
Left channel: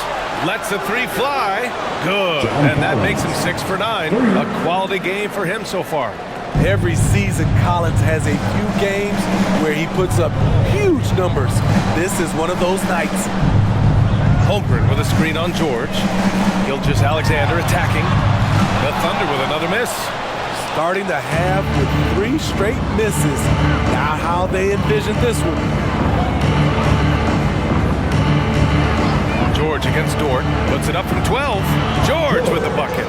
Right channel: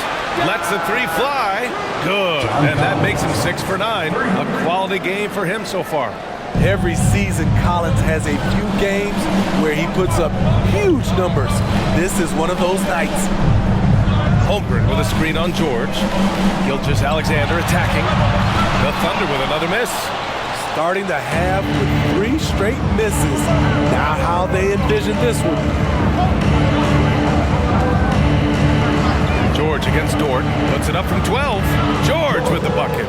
Lets the 3 fly. Good. And that makes him 6 for 9. A quality game for him so far. Every season, Collins has a few games where he puts up huge numbers. This is one of those nights. Holmgren with a screen on George. Gilgeous-Alexander attacking. The Thunder with another miss. Starting the half with 3 straight misses. Not how they envisioned this one. George against Dort. Puts it up from 12. George with the bucket.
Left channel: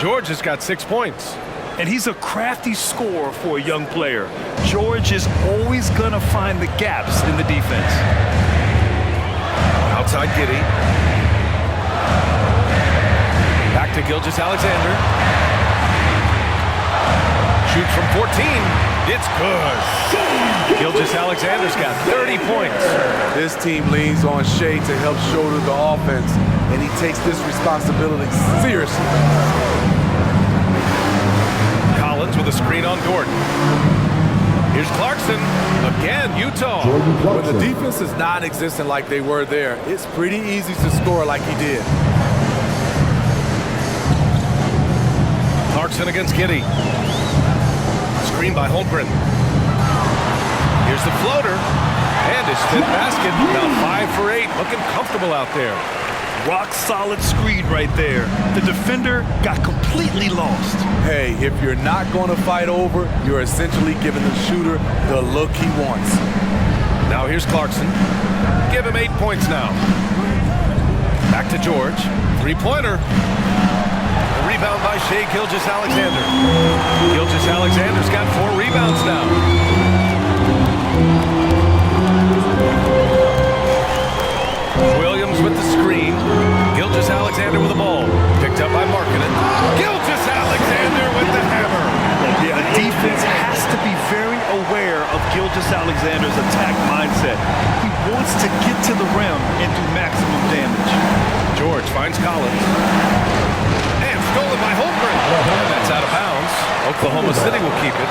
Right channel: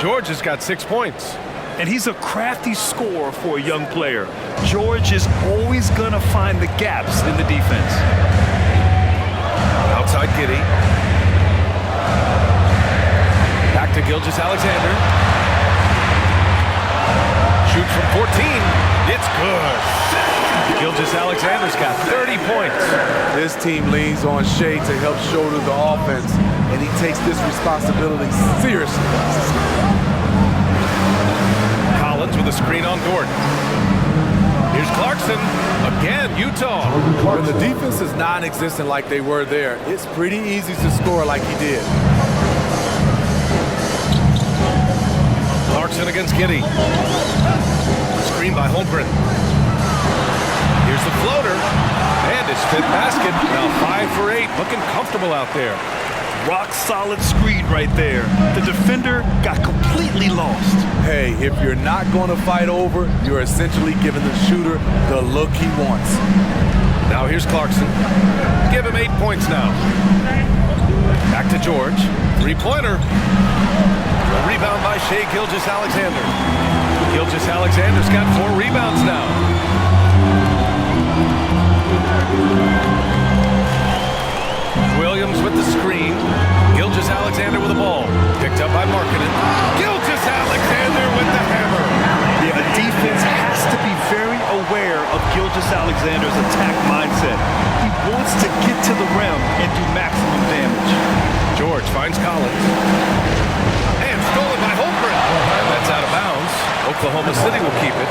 George has got 6 points. And he's a crafty scorer for a young player. George is always going to find the gaps in the defense. Outside Giddey. Back to Gilgeous-Alexander. Shoots from 14. It's good. Gilgeous-Alexander's got 30 points. This team leans on Shea to help shoulder the offense, and he takes this responsibility seriously. Collins with a screen on Dort. Here's Clarkson. Again, Utah. When the defense is non-existent like they were there, it's pretty easy to score like he did. Clarkson against Giddey. Screen by Holmgren. Here's the floater. And his 5th basket. Now 5 for 8. Looking comfortable out there. Rock solid screen right there. The defender got completely lost. Hey, if you're not going to fight over, you're essentially giving the shooter the look he wants. Now here's Clarkson. Give him 8 points now. Back to George. 3-pointer. A rebound by Shea Gilgeous-Alexander. Gilgeous-Alexander's got 4 rebounds now. Williams with the screen. Gilgeous-Alexander with the ball. Picked up by Markkanen. Gilgeous-Alexander with the hammer. Yeah, a defense has to be very aware of Gilgeous-Alexander's attack mindset. He wants to get to the rim and do maximum damage. George finds Collins. And stolen by Holmgren. And that's out of bounds. Oklahoma City will keep it.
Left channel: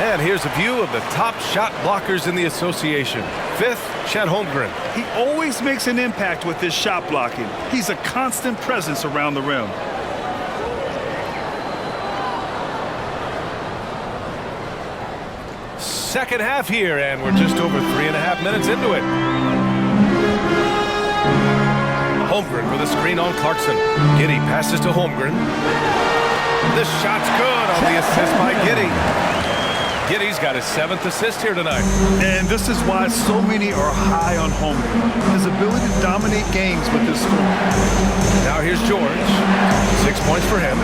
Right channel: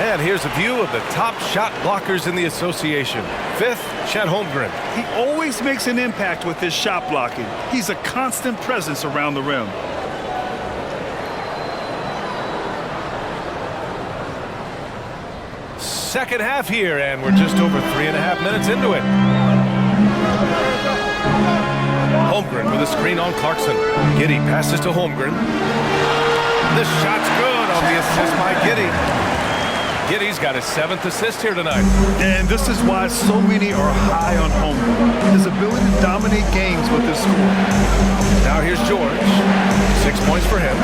And here's a view of the top shot blockers in the association. 5th, Chet Holmgren. He always makes an impact with his shot blocking. He's a constant presence around the rim. Second half here, and we're just over 3.5 minutes into it. Holmgren with a screen on Clarkson. Giddey passes to Holmgren. This shot's good on the assist by Giddey. Giddey's got his 7th assist here tonight. And this is why so many are high on Holmgren. His ability to dominate games with his score. Now here's George. 6 points for him.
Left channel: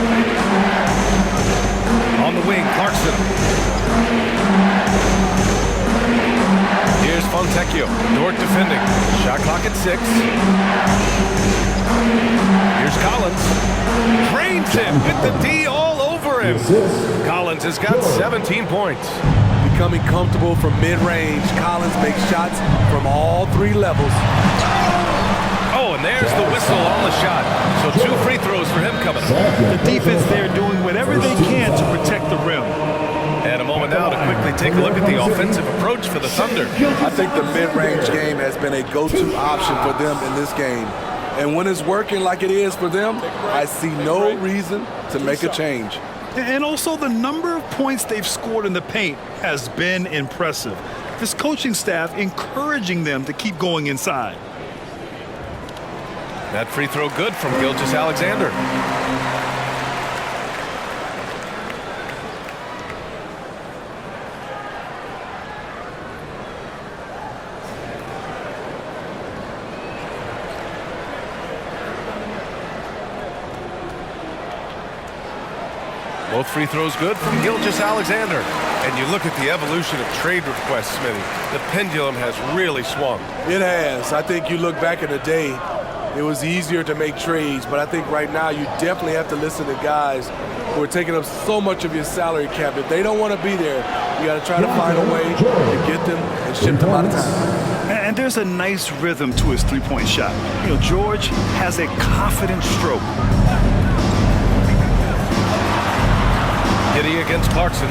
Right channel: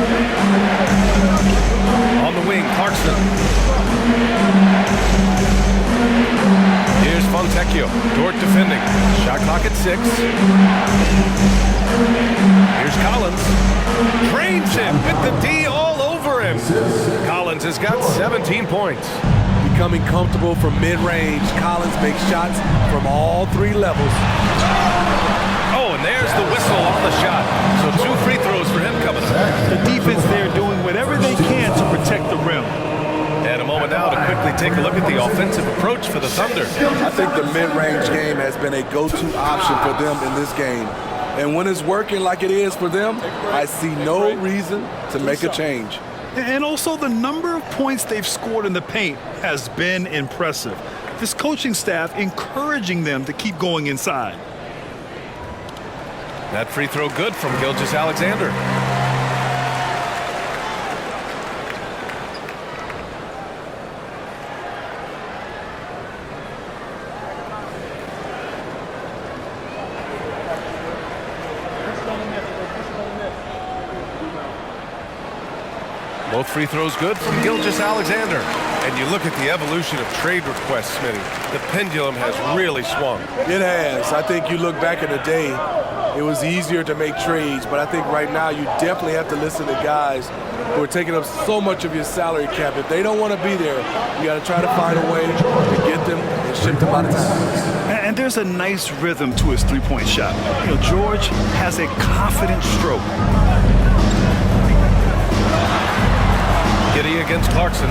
On the wing, Clarkson. Here's Fontecchio. Dort defending. Shot clock at 6. Here's Collins. Drains him with the D all over him. Collins has got 17 points. Becoming comfortable from mid-range, Collins makes shots from all 3 levels. Oh, and there's the whistle on the shot. So 2 free throws for him coming up. The defense there doing whatever they can to protect the rim. And a moment now to quickly take a look at the offensive approach for the Thunder. I think the mid-range game has been a go-to option for them in this game. And when it's working like it is for them, I see no reason to make a change. And also the number of points they've scored in the paint has been impressive. This coaching staff encouraging them to keep going inside. That free throw good from Gilgeous-Alexander. Both free throws good from Gilgeous-Alexander. And you look at the evolution of trade requests, Smitty. The pendulum has really swung. It has. I think you look back in the day, it was easier to make trades, but I think right now you definitely have to listen to guys who are taking up so much of your salary cap. If they don't want to be there, you got to try to find a way to get them and ship them out of town. And there's a nice rhythm to his three-point shot. You know, George has a confident stroke. Giddey against Clarkson.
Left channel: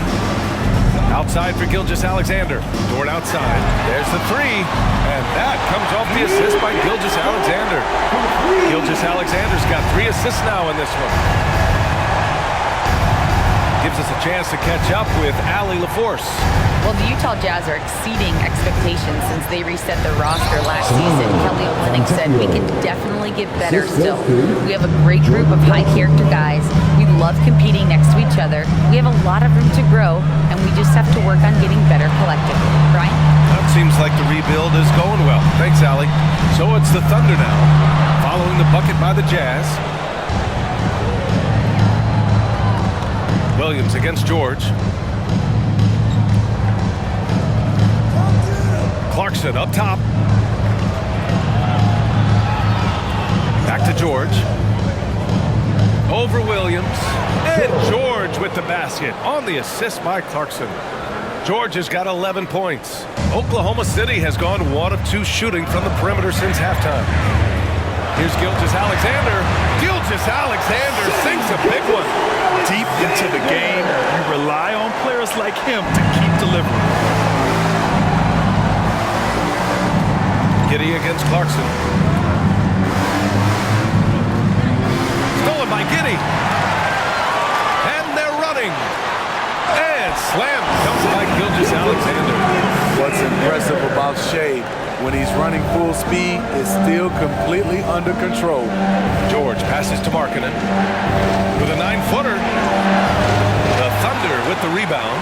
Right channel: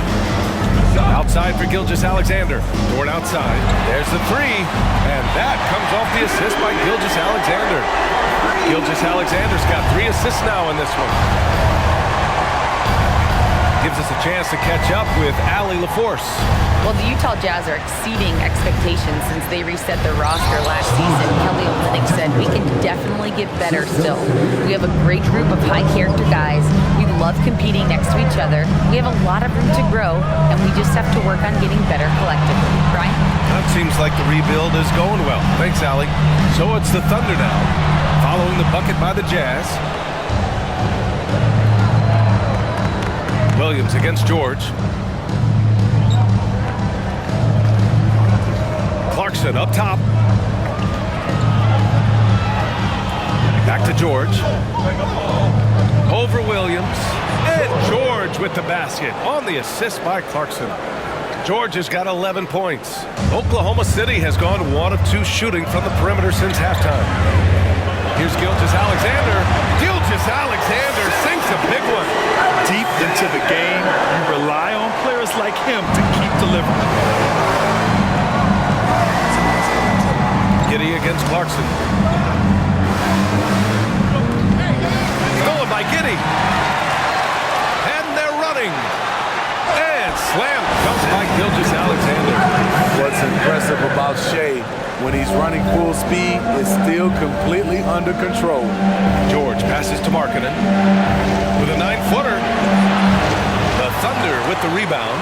Outside for Gilgeous-Alexander. Dort outside. There's the three. And that comes off the assist by Gilgeous-Alexander. Gilgeous-Alexander's got 3 assists now in this one. Gives us a chance to catch up with Allie LaForce. Well, the Utah Jazz are exceeding expectations since they reset their roster last season. Kelly Olynyk said, we can definitely get better still. We have a great group of high-character guys. We love competing next to each other. We have a lot of room to grow, and we just have to work on getting better collectively. Brian? It seems like the rebuild is going well. Thanks, Allie. So it's the Thunder now, following the bucket by the Jazz. Williams against George. Clarkson up top. Back to George. Over Williams. And George with the basket on the assist by Clarkson. George has got 11 points. Oklahoma City has gone 1 of 2 shooting from the perimeter since halftime. Here's Gilgeous-Alexander. Gilgeous-Alexander sinks a big one. Deep into the game, you rely on players like him to keep delivering. Giddey against Clarkson. Stolen by Giddey. And they're running. And slam dunk by Gilgeous-Alexander. What's impressive about Shea, when he's running full speed, is still completely under control. George passes to Markkanen with a 9-footer. The Thunder with the rebound.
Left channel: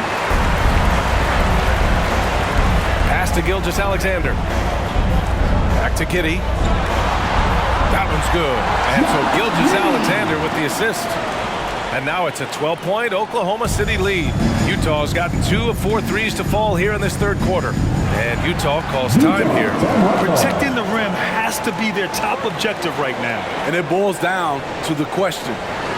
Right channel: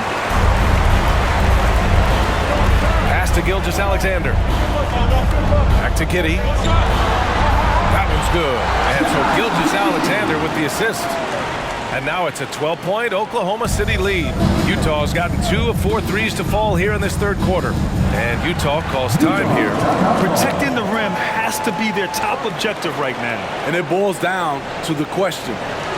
Pass to Gilgeous-Alexander. Back to Giddey. That one's good. And so Gilgeous-Alexander with the assist. And now it's a 12-point Oklahoma City lead. Utah's gotten 2 of 4 threes to fall here in this third quarter. And Utah calls time here. Protecting the rim has to be their top objective right now. And it boils down to the question.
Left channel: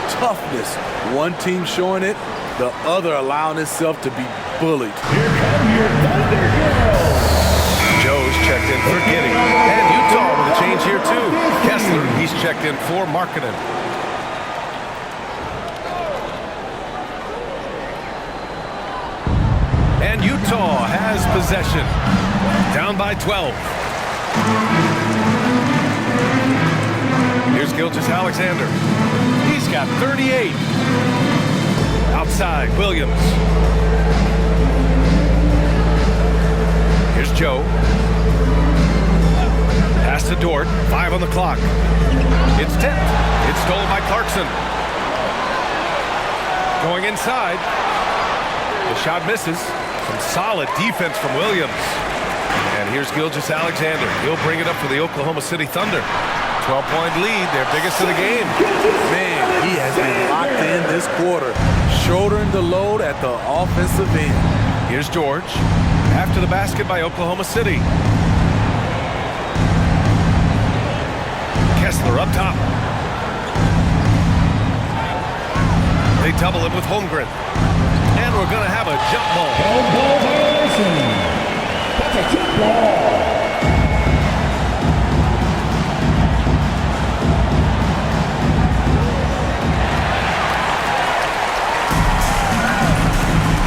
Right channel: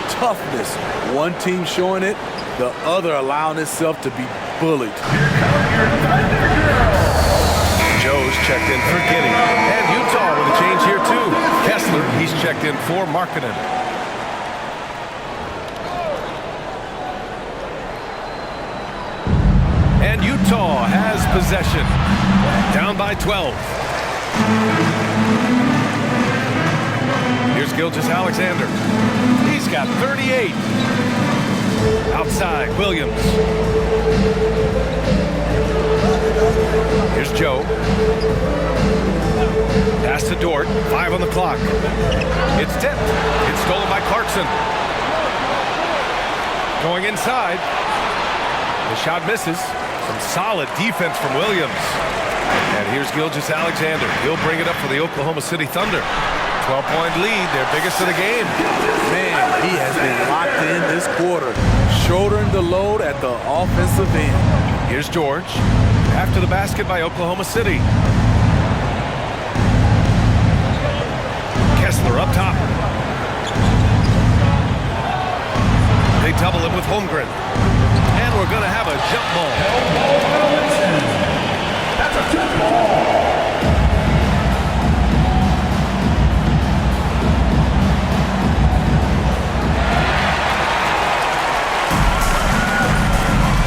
Toughness. One team showing it, the other allowing itself to be bullied. Here come your Thunder Girls. Joe's checked in for Giddey. And Utah with a change here too. Kessler, he's checked in for Markkanen. And Utah has possession. Down by 12. Here's Gilgeous-Alexander. He's got 38. Outside, Williams. Here's Joe. Pass to Dort. 5 on the clock. It's tipped. It's stolen by Clarkson. Going inside. The shot misses. Some solid defense from Williams. And here's Gilgeous-Alexander. He'll bring it up for the Oklahoma City Thunder. 12-point lead, their biggest of the game. Man, he has been locked in this quarter, shouldering the load at the offensive end. Here's George. After the basket by Oklahoma City. Kessler up top. They double him with Holmgren. And we're going to have a jump ball. Ball violation. That's a jump ball.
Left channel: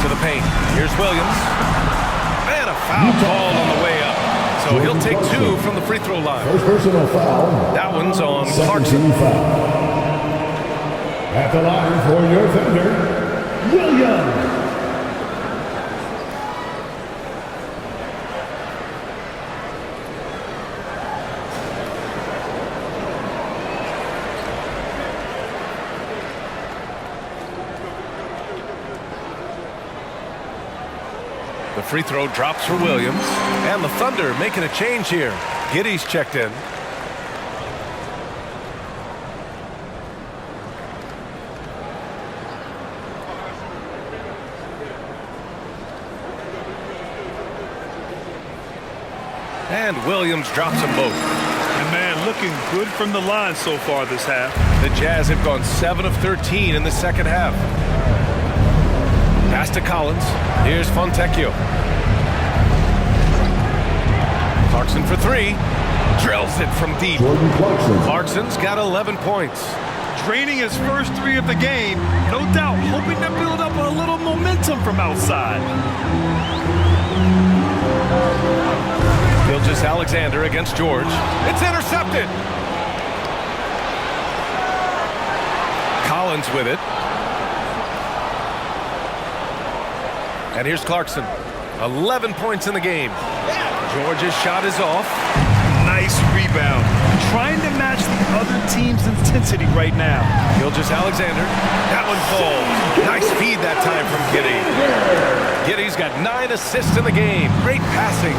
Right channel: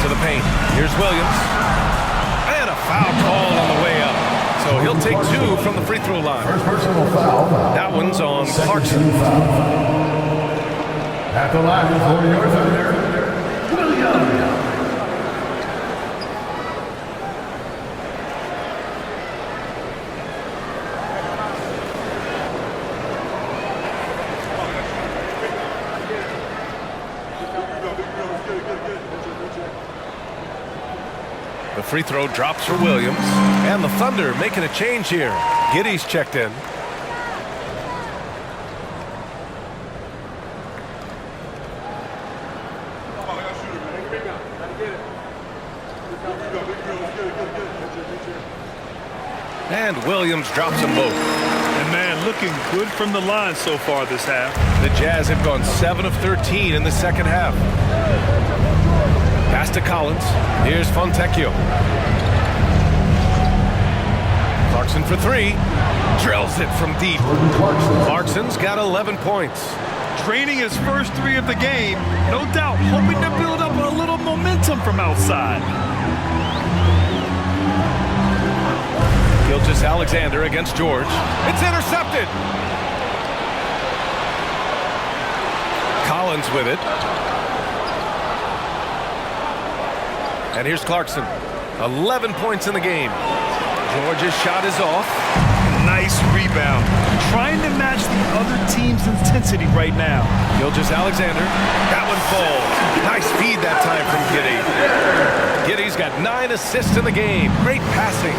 To the paint. Here's Williams. And a foul called on the way up. So he'll take 2 from the free throw line. First personal foul. That one's on Clarkson. At the line for your Thunder, Williams. The free throw drops for Williams. And the Thunder making a change here. Giddey's checked in. And Williams drops them both. And man, looking good from the line so far this half. The Jazz have gone 7 of 13 in the second half. Pass to Collins. Here's Fontecchio. Clarkson for three. Drills it from deep. Clarkson's got 11 points. Draining his first three of the game, no doubt hoping to build up a little momentum from outside. Gilgeous-Alexander against George. It's intercepted. Collins with it. And here's Clarkson. 11 points in the game. George's shot is off. Nice rebound. Trying to match the other team's intensity right now. Gilgeous-Alexander. That one falls. Nice feed that time from Giddey. Giddey's got 9 assists in the game. Great passing.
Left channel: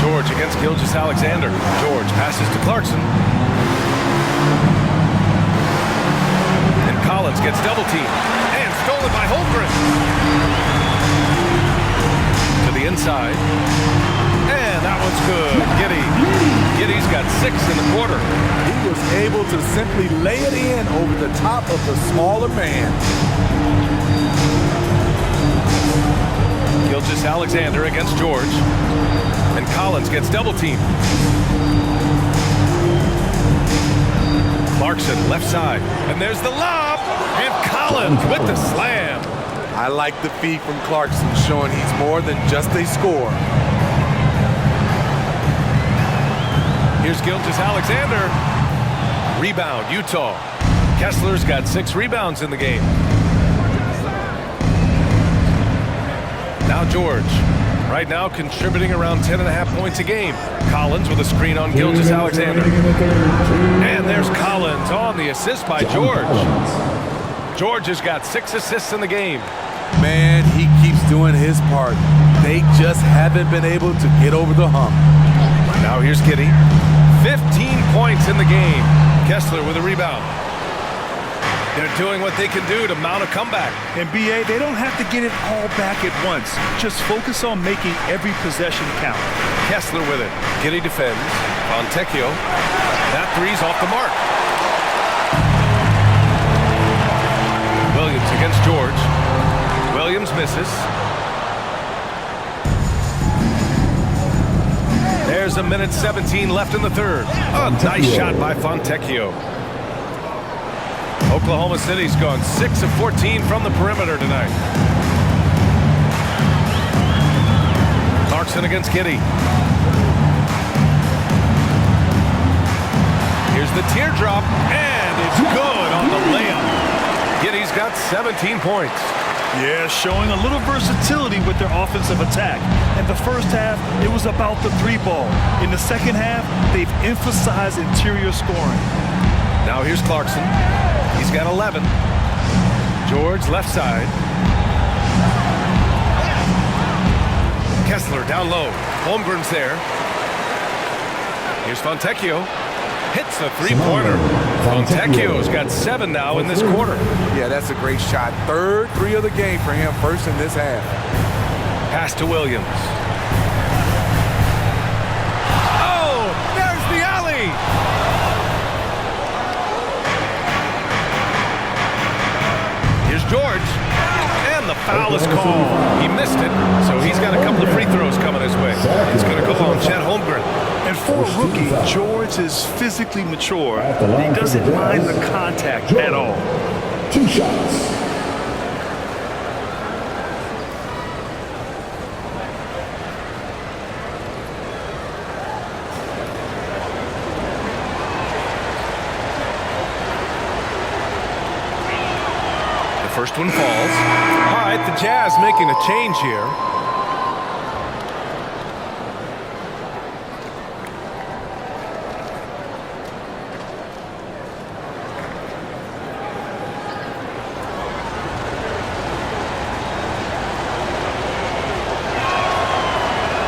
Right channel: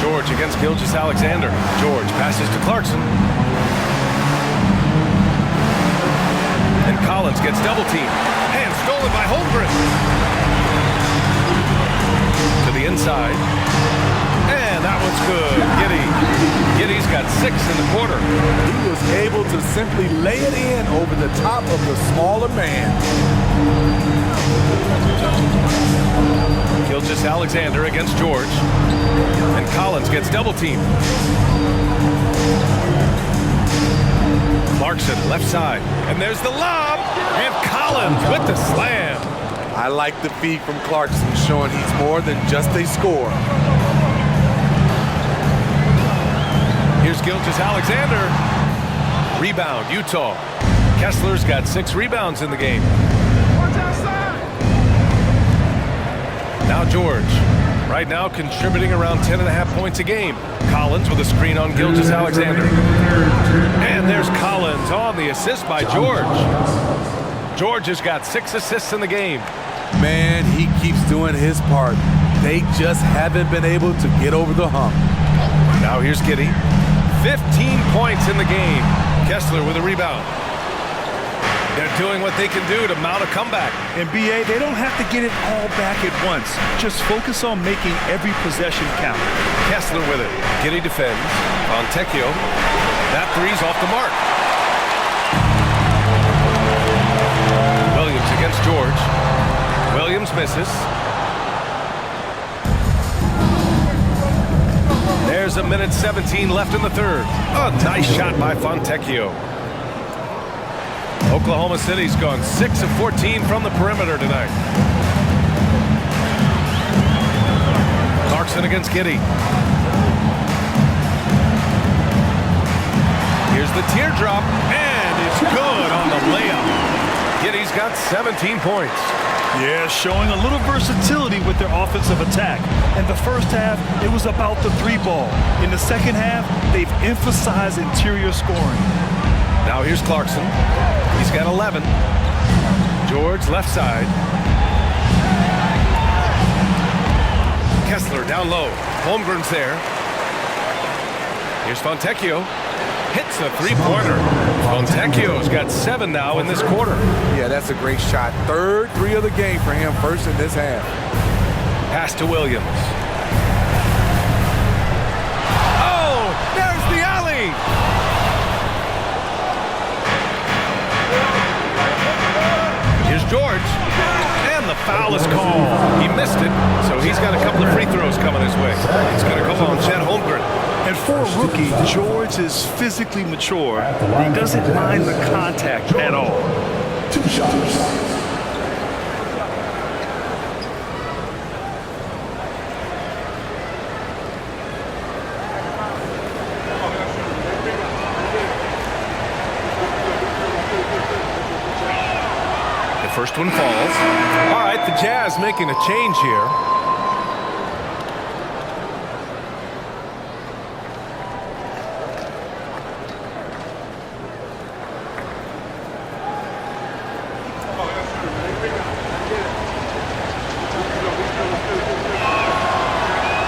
George against Gilgeous-Alexander. George passes to Clarkson. And Collins gets double teamed. And stolen by Holmgren. To the inside. And that one's good. Giddey's got 6 in the quarter. He was able to simply lay it in over the top of the smaller man. Gilgeous-Alexander against George. And Collins gets double teamed. Clarkson left side. And there's the lob. And Collins with the slam. I like the feed from Clarkson, showing he's more than just a scorer. Here's Gilgeous-Alexander. Rebound, Utah. Kessler's got 6 rebounds in the game. Now George. Right now contributing around 10.5 points a game. Collins with a screen on Gilgeous-Alexander. And there's Collins on the assist by George. George has got 6 assists in the game. Man, he keeps doing his part. They just haven't been able to get over the hump. Now here's Giddey. 15 points in the game. Kessler with a rebound. They're doing what they can do to mount a comeback. In BA, they don't have to get it all back at once. Just focus on making every possession count. Kessler with it. Giddey defends. Fontecchio. That three's off the mark. Williams against George. Williams misses. There's 1:17 left in the third. A nice shot by Fontecchio. Oklahoma City's gone 6 of 14 from the perimeter tonight. Clarkson against Giddey. Here's the teardrop, and it's good on the layup. Giddey's got 17 points. Yeah, showing a little versatility with their offensive attack. In the first half, it was about the 3-ball. In the second half, they've emphasized interior scoring. Now here's Clarkson. He's got 11. George left side. Kessler down low. Holmgren's there. Here's Fontecchio. Hits a three-pointer. Fontecchio's got 7 now in this quarter. Yeah, that's a great shot. Third 3 of the game for him, first in this half. Pass to Williams. Oh, there's the alley. Here's George. And the foul is called. He missed it, so he's got a couple of free throws coming his way. It's going to go on Chet Holmgren. And for a rookie, George is physically mature. He doesn't mind the contact at all. 2 shots. The first one falls. All right, the Jazz making a change here.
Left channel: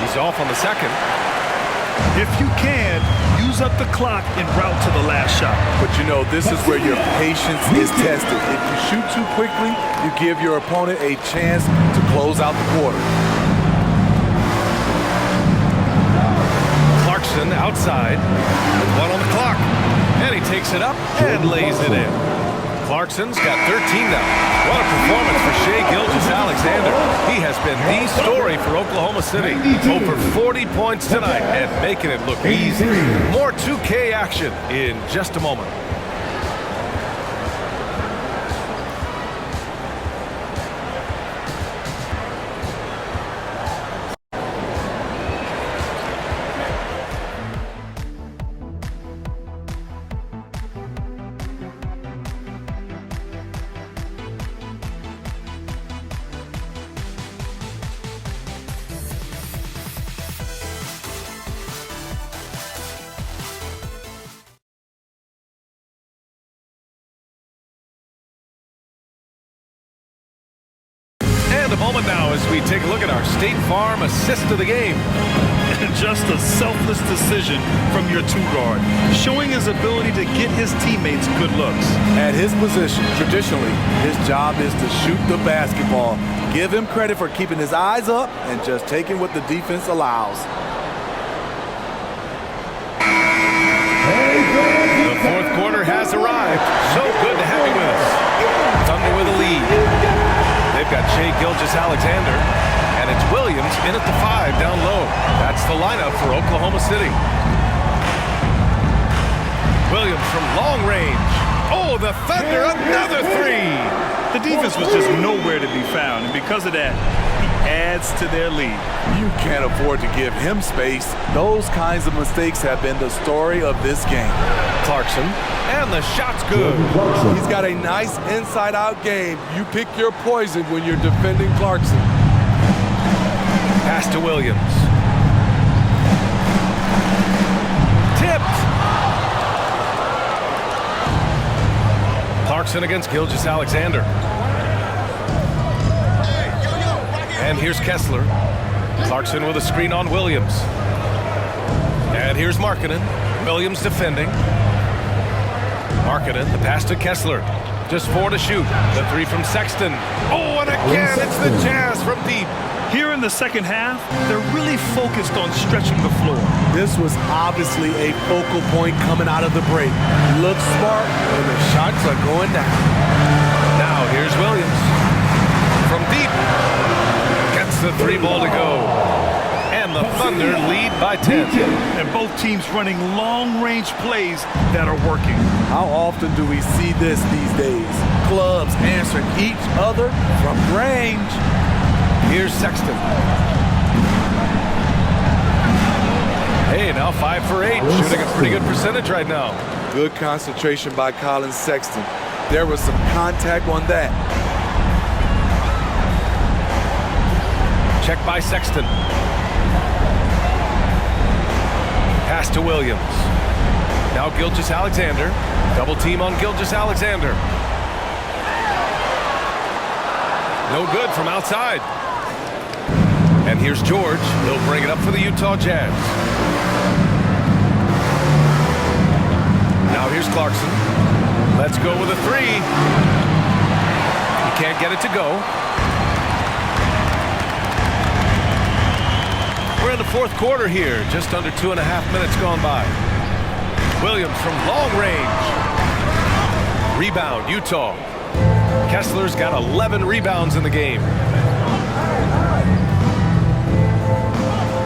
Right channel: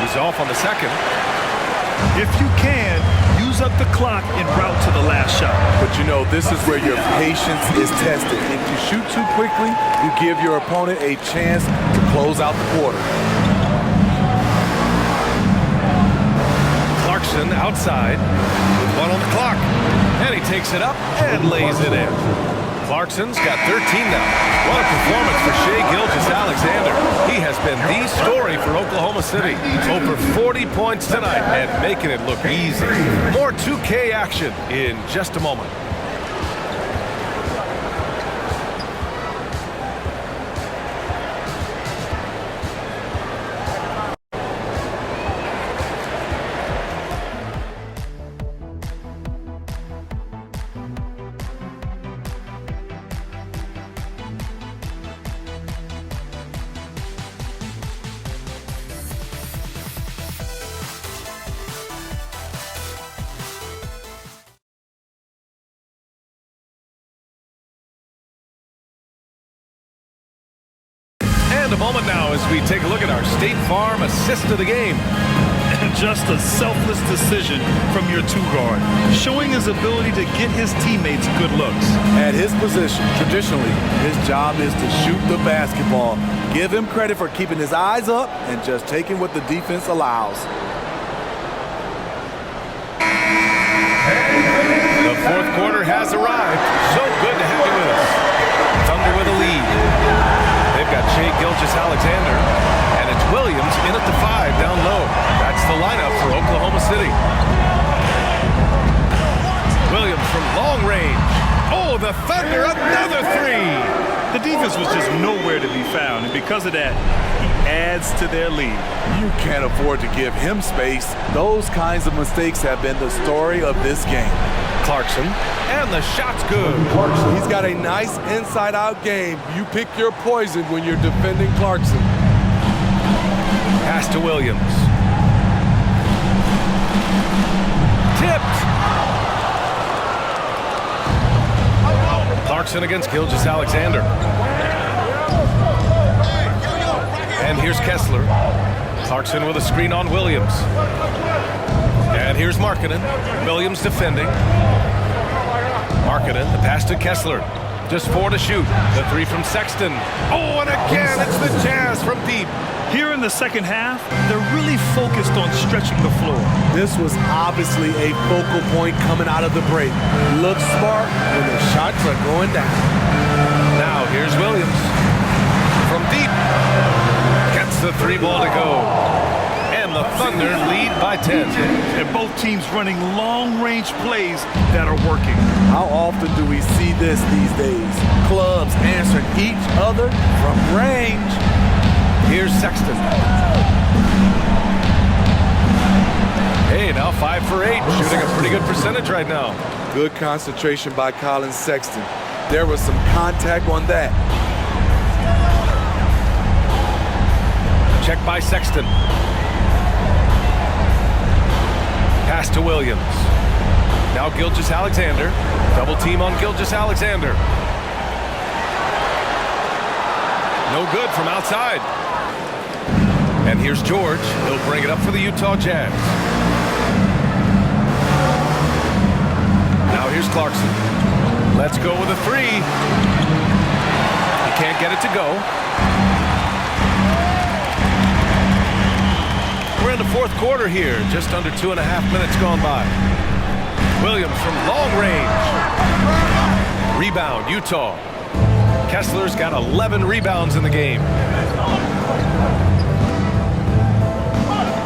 He's off on the second. If you can, use up the clock en route to the last shot. But you know, this is where your patience is tested. If you shoot too quickly, you give your opponent a chance to close out the quarter. Clarkson outside with 1 on the clock. And he takes it up and lays it in. Clarkson's got 13 now. What a performance for Shai Gilgeous-Alexander. He has been the story for Oklahoma City. Over 40 points tonight and making it look easy. More 2K action in just a moment. And a moment now as we take a look at our State Farm assist of the game. Just a selfless decision from your two-guard, showing his ability to get his teammates good looks. At his position, traditionally, his job is to shoot the basketball. Give him credit for keeping his eyes up and just taking what the defense allows. The fourth quarter has arrived. So good to have you with us. Thunder with a lead. They've got Shai Gilgeous-Alexander, and it's Williams in at the 5 down low. That's the lineup for Oklahoma City. Williams from long range. Oh, the Thunder, another 3. The defense was just nowhere to be found, and because of that, he adds to their lead. You can't afford to give him space. Those kinds of mistakes have been the story of this game. Clarkson, and the shot's good. He's got a nice inside-out game. You pick your poison when you're defending Clarkson. Pass to Williams. Tipped. Clarkson against Gilgeous-Alexander. And here's Kessler. Clarkson with a screen on Williams. And here's Markkanen. Williams defending. Markkanen, the pass to Kessler. Just 4 to shoot. The 3 from Sexton. Oh, and again, it's the Jazz from deep. Here in the second half, they're really focused on stretching the floor. This was obviously a focal point coming out of the break. Look smart when the shots are going down. Now here's Williams. From deep. Gets the 3 ball to go. And the Thunder lead by 10. And both teams running long-range plays that are working. How often do we see this these days? Clubs answering each other from range. Here's Sexton. Hey, now 5 for 8, shooting a pretty good percentage right now. Good concentration by Colin Sexton. There was some contact on that. Check by Sexton. Pass to Williams. Now Gilgeous-Alexander. Double team on Gilgeous-Alexander. No good from outside. And here's George. He'll bring it up for the Utah Jazz. Now here's Clarkson. Let's go with a 3. He can't get it to go. We're in the fourth quarter here. Just under 2.5 minutes gone by. Williams from long range. Rebound, Utah. Kessler's got 11 rebounds in the game.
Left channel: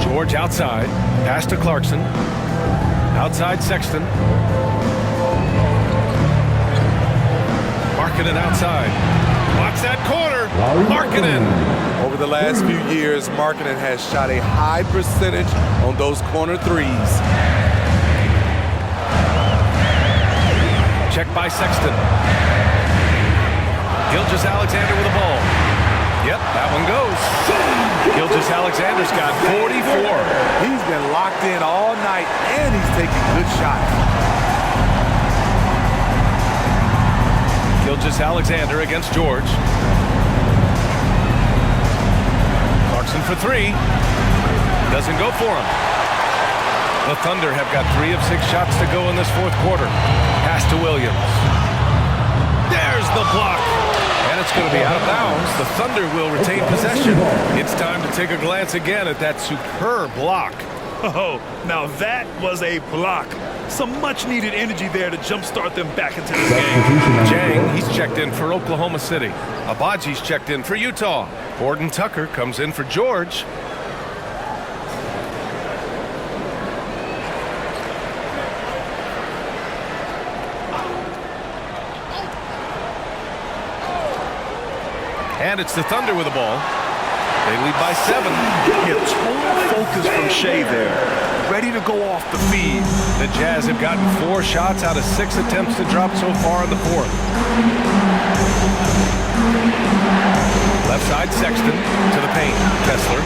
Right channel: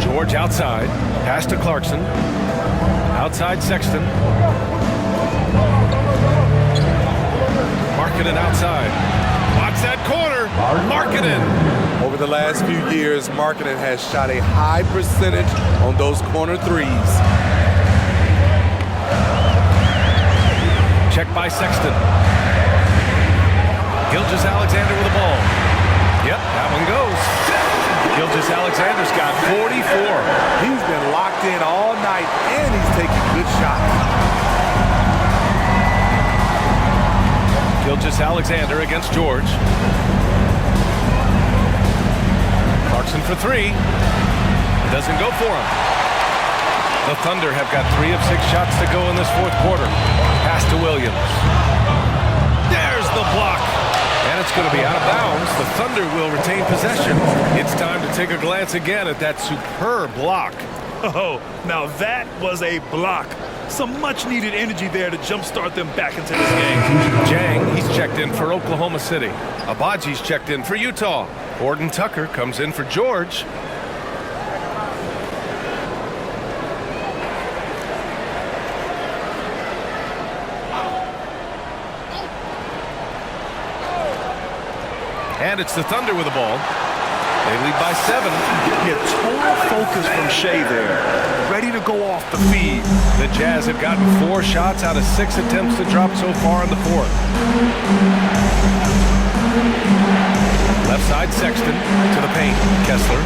George outside. Pass to Clarkson. Outside Sexton. Markkanen outside. Watch that corner. Markkanen. Over the last few years, Markkanen has shot a high percentage on those corner 3s. Check by Sexton. Gilgeous-Alexander with the ball. Yep, that one goes. Gilgeous-Alexander's got 44. He's been locked in all night, and he's taking good shots. Gilgeous-Alexander against George. Clarkson for 3. Doesn't go for him. The Thunder have got 3 of 6 shots to go in this fourth quarter. Pass to Williams. There's the block. And it's going to be out of bounds. The Thunder will retain possession. It's time to take a glance again at that superb block. Oh, now that was a block. Some much-needed energy there to jumpstart them back into this game. Jang, he's checked in for Oklahoma City. Abaji's checked in for Utah. Horton Tucker comes in for George. And it's the Thunder with the ball. They lead by 7. Yeah, total focus from Shea there. Ready to go off the feed. The Jazz have gotten 4 shots out of 6 attempts to drop so far in the 4th. Left side, Sexton to the paint. Kessler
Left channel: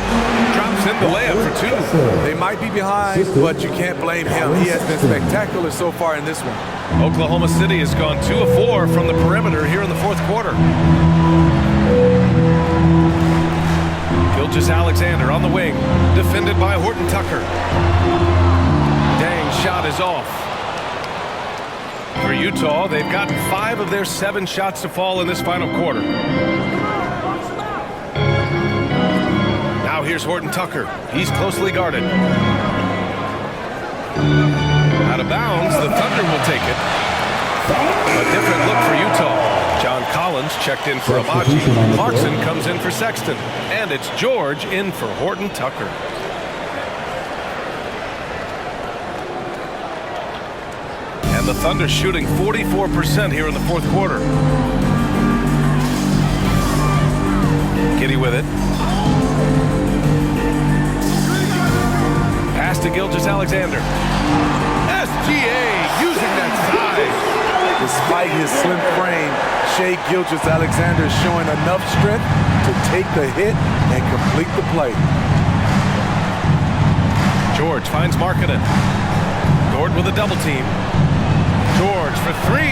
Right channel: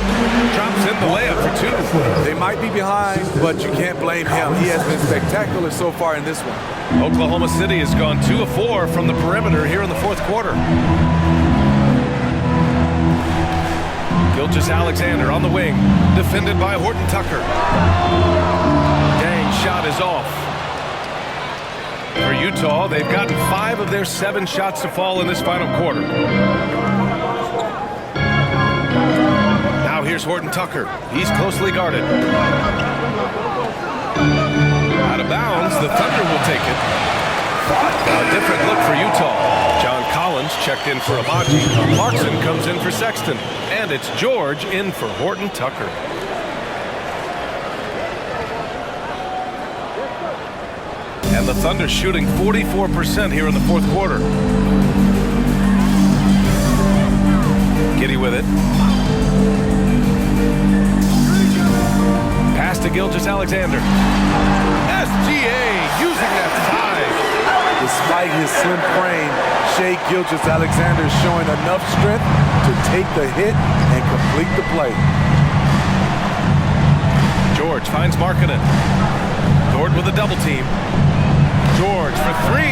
drops in the layup for 2. They might be behind, but you can't blame him. He has been spectacular so far in this one. Oklahoma City has gone 2 of 4 from the perimeter here in the 4th quarter. Gilgeous-Alexander on the wing, defended by Horton Tucker. Dang, shot is off. For Utah, they've gotten 5 of their 7 shots to fall in this final quarter. Now here's Horton Tucker. He's closely guarded. Out of bounds, the Thunder will take it. A different look for Utah. John Collins checked in for Abaji. Clarkson comes in for Sexton. And it's George in for Horton Tucker. And the Thunder shooting 44% here in the 4th quarter. Giddey with it. Pass to Gilgeous-Alexander. SGA using that size. Despite his slim frame, Shai Gilgeous-Alexander is showing enough strength to take the hit and complete the play. George finds Markkanen. Dort with a double team. George for 3.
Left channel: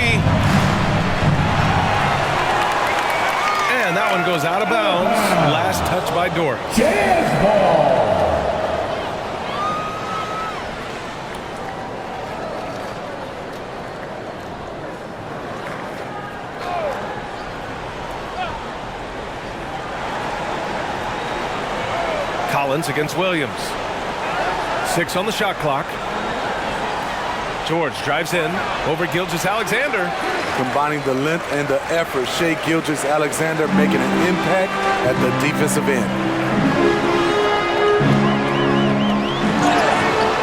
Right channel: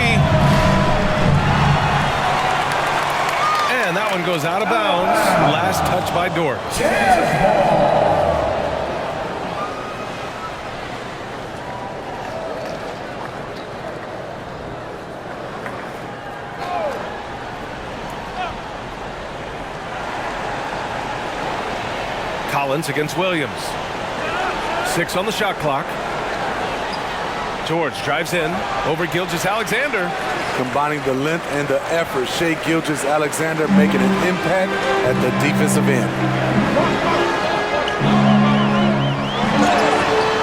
And that one goes out of bounds. Last touch by Dort. Jazz ball. Collins against Williams. 6 on the shot clock. George drives in over Gilgeous-Alexander. Combining the length and the effort, Shai Gilgeous-Alexander making an impact at the defensive end.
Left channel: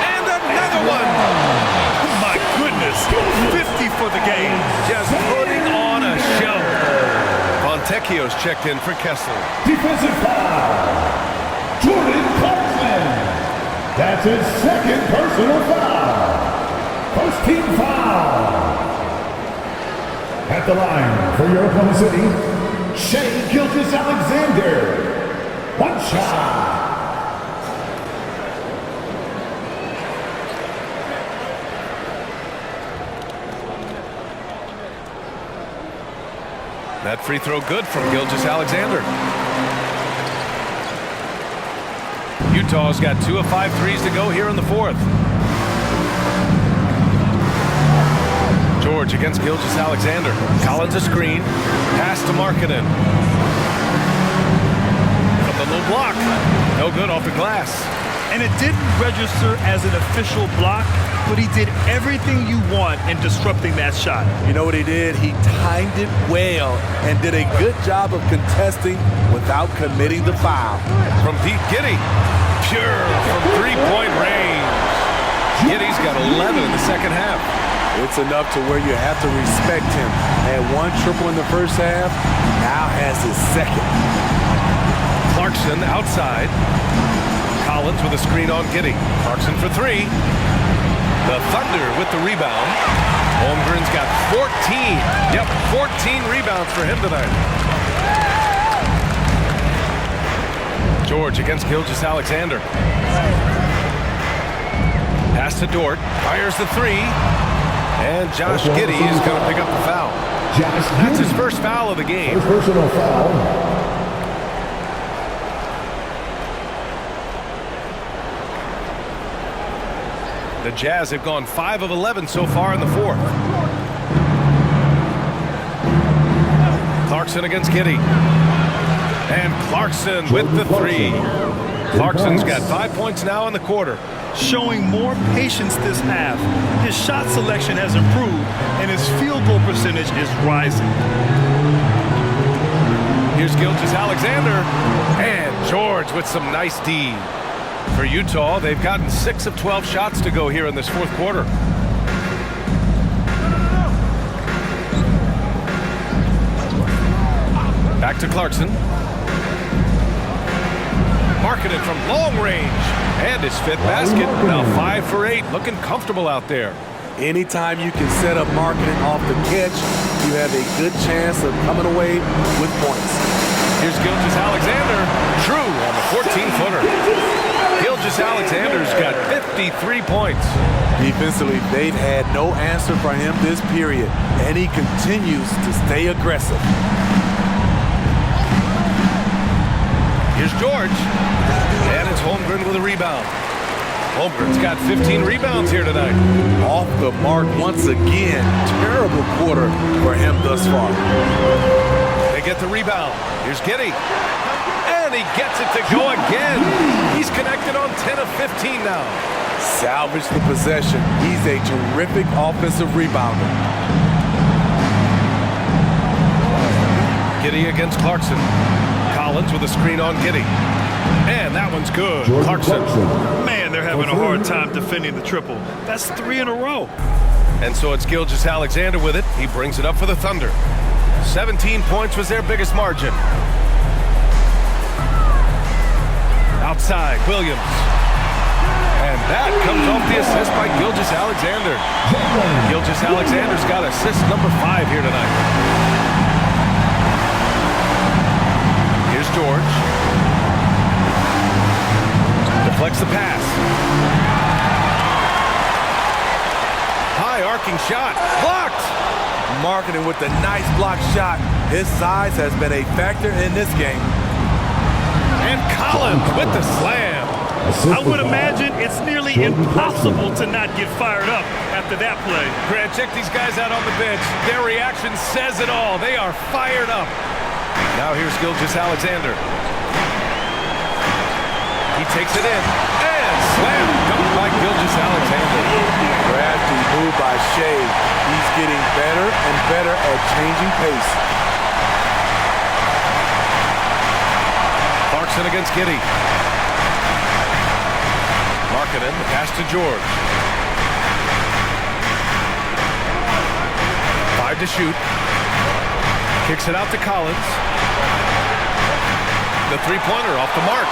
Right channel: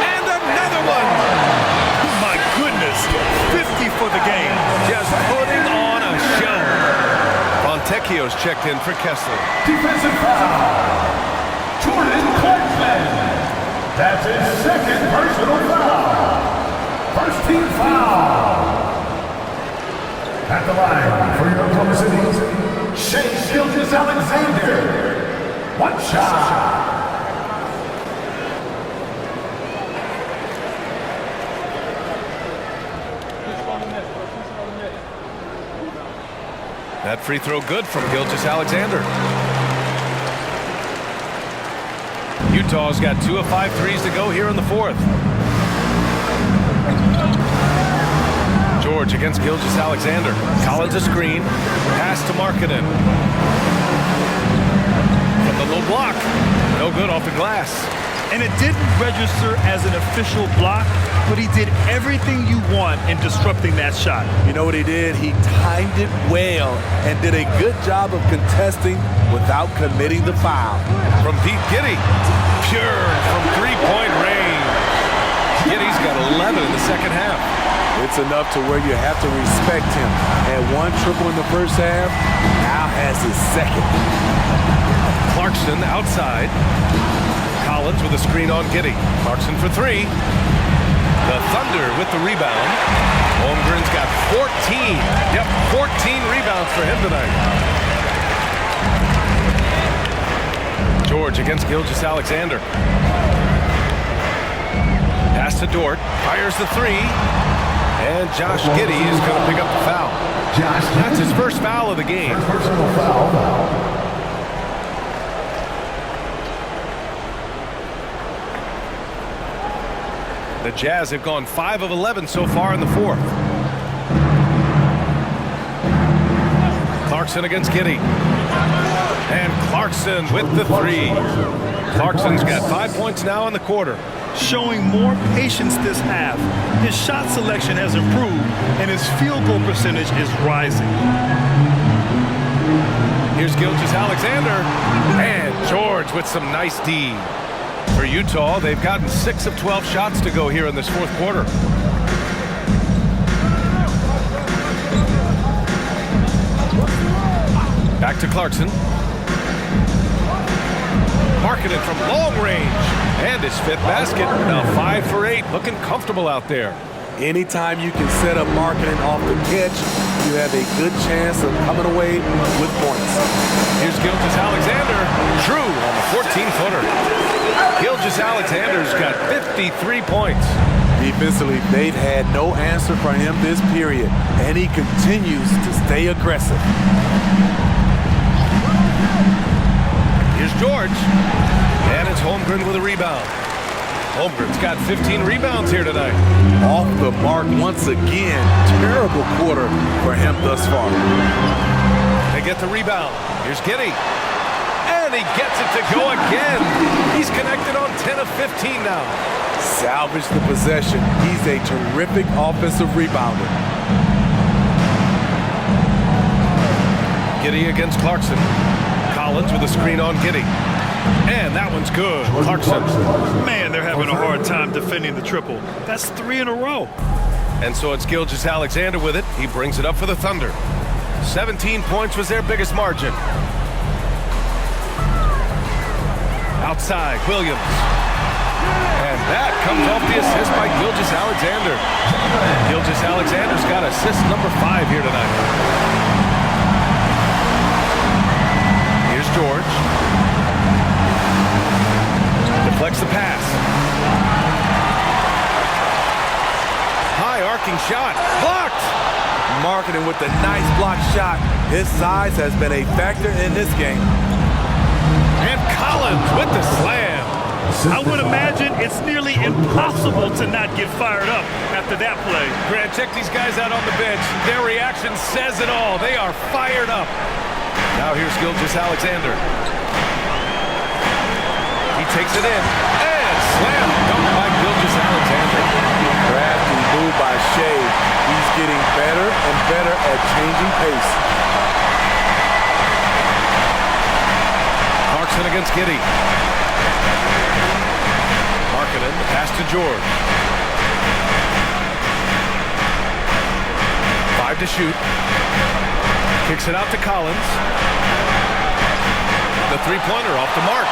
And another one! My goodness, 50 for the game. Just putting on a show. Fontecchio's checked in for Kessler. Defensive foul. Jordan Clarkson. That's his 2nd personal foul. First team foul. At the line for your Oklahoma City's Shai Gilgeous-Alexander. 1 shot. That free throw good from Gilgeous-Alexander. Utah's got 2 of 5 threes to go here in the 4th. George against Gilgeous-Alexander. Collins a screen. Pass to Markkanen. From the low block. No good off the glass. And it didn't register as an official block, but he did everything you want in disrupting that shot. You know what he did? He timed it well and did a good job of contesting without committing the foul. From deep, Giddey. Pure from 3-point range. Giddey's got 11 in the 2nd half. It's enough to where you have to respect him. Had 1 triple in the 1st half, now has his 2nd. Clarkson outside. Collins with a screen on Giddey. Clarkson for 3. The Thunder with the rebound. Holmgren's got 14. Yep, 14 rebounds for him tonight. George against Gilgeous-Alexander. Pass to Dort. Fires the 3. And Josh Giddey is going to pick up the foul. That's his first foul of the game. First personal foul. The Jazz have gone 5 of 11 so far in the 4th. Clarkson against Giddey. And Clarkson with the 3. Clarkson's got 5 points now in the quarter. showing more patience this half. His shot selection has improved, and his field goal percentage is rising. Here's Gilgeous-Alexander, and George with some nice D. For Utah, they've gotten 6 of 12 shots to go here in this fourth quarter. Back to Clarkson. Marking it from long range. And his 5th basket. Now 5 for 8. Looking comfortable out there. Anytime you can set up marketing off the catch, you have a good chance of coming away with points. Here's Gilgeous-Alexander. True on the 14-footer. Gilgeous-Alexander's got 53 points. Defensively, they've had no answer for him this period, and he continues to stay aggressive. Here's George, and it's Holmgren with a rebound. Holmgren's got 15 rebounds here tonight. Off the mark once again. Terrible quarter for him thus far. They get the rebound. Here's Giddey, and he gets it to go again. He's connected on 10 of 15 now. Salvage the possession. He's a terrific offensive rebounder. Giddey against Clarkson. Collins with a screen on Giddey. And that one's good. Clarkson. Man, they're having a hard time defending the triple. That's 3 in a row. And so it's Gilgeous-Alexander with it. He brings it up for the Thunder. 17 points was their biggest margin. Outside, Williams. And that comes off the assist by Gilgeous-Alexander. Gilgeous-Alexander's got assist number 5 here tonight. Here's George. Deflects the pass. High arcing shot. Blocked. Marketing with the nice block shot. His size has been a factor in this game. And Collins with the slam. I would imagine it's nearly impossible to not get fired up after that play. Grant, check these guys out on the bench. Their reaction says it all. They are fired up. Now here's Gilgeous-Alexander. He takes it in. And slam dunk by Gilgeous-Alexander. Crafty move by Shea. He's getting better and better at changing pace. Clarkson against Giddey. Markkanen, the pass to George. 5 to shoot. Kicks it out to Collins. The three-pointer off the mark.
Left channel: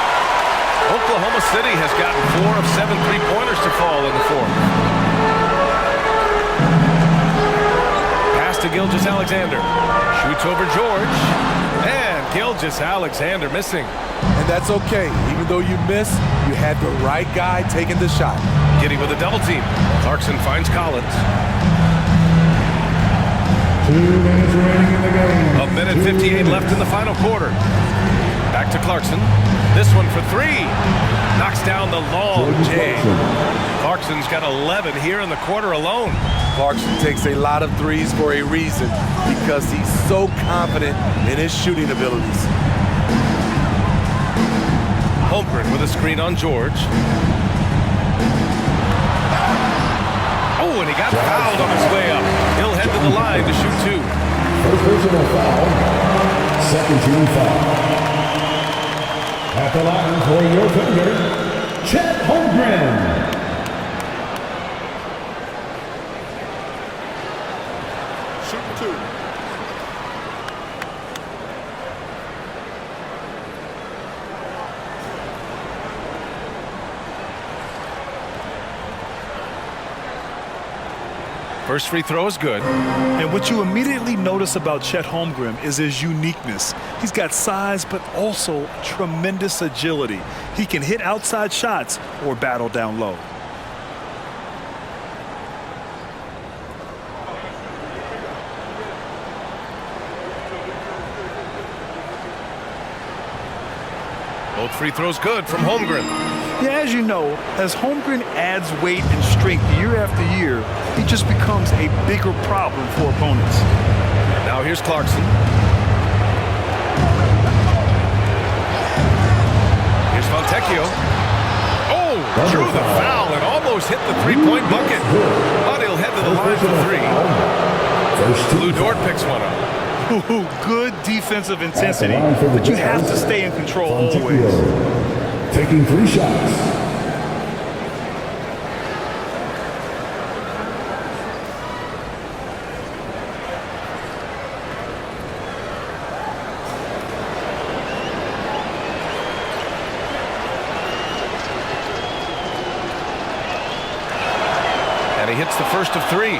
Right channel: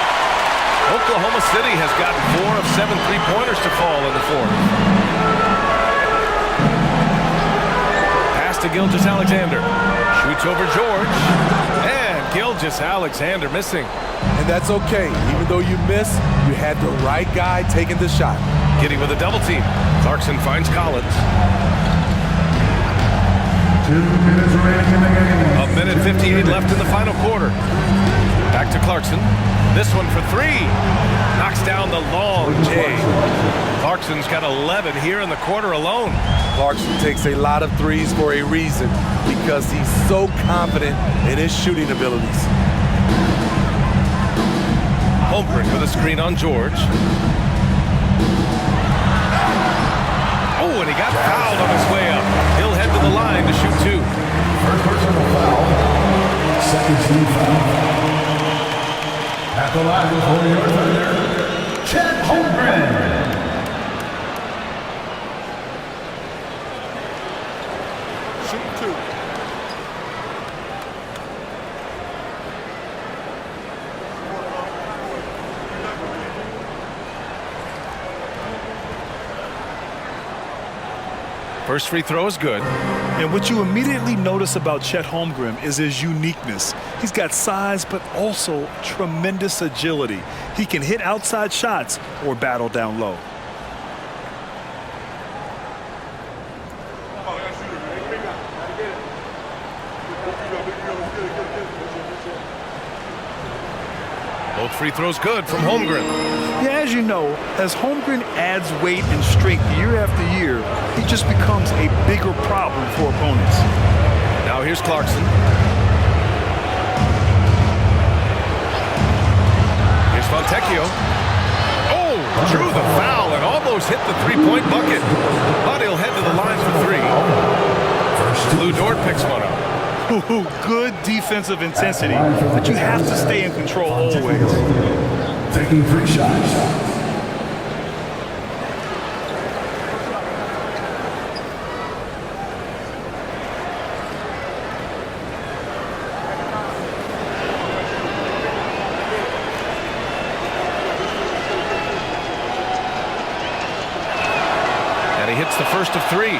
Oklahoma City has gotten 4 of 7 three-pointers to fall in the fourth. Pass to Gilgeous-Alexander. Shoots over George. And Gilgeous-Alexander missing. And that's okay. Even though you miss, you had the right guy taking the shot. Giddey with a double team. Clarkson finds Collins. 2 minutes remaining in the game. 1:58 left in the final quarter. Back to Clarkson. This one for 3. Knocks down the long J. Clarkson's got 11 here in the quarter alone. Clarkson takes a lot of threes for a reason, because he's so confident in his shooting abilities. Holmgren with a screen on George. Oh, and he got fouled on his way up. He'll head to the line to shoot 2. First personal foul. Second team foul. At the line for your Thunder, Chet Holmgren. Shooting 2. First free throw is good. And what you immediately notice about Chet Holmgren is his uniqueness. He's got size, but also tremendous agility. He can hit outside shots or battle down low. Both free throws good from Holmgren. Yeah, as you know, as Holmgren adds weight and strength year after year, he just becomes a bigger problem for opponents. Now here's Clarkson. Here's Fontecchio. Oh, drew the foul and almost hit the three-point bucket. But he'll head to the line for three. Lou Dort picks one up. Ooh, good defensive intensity, but you have to stay in control always. Taking 3 shots. And he hits the first of 3.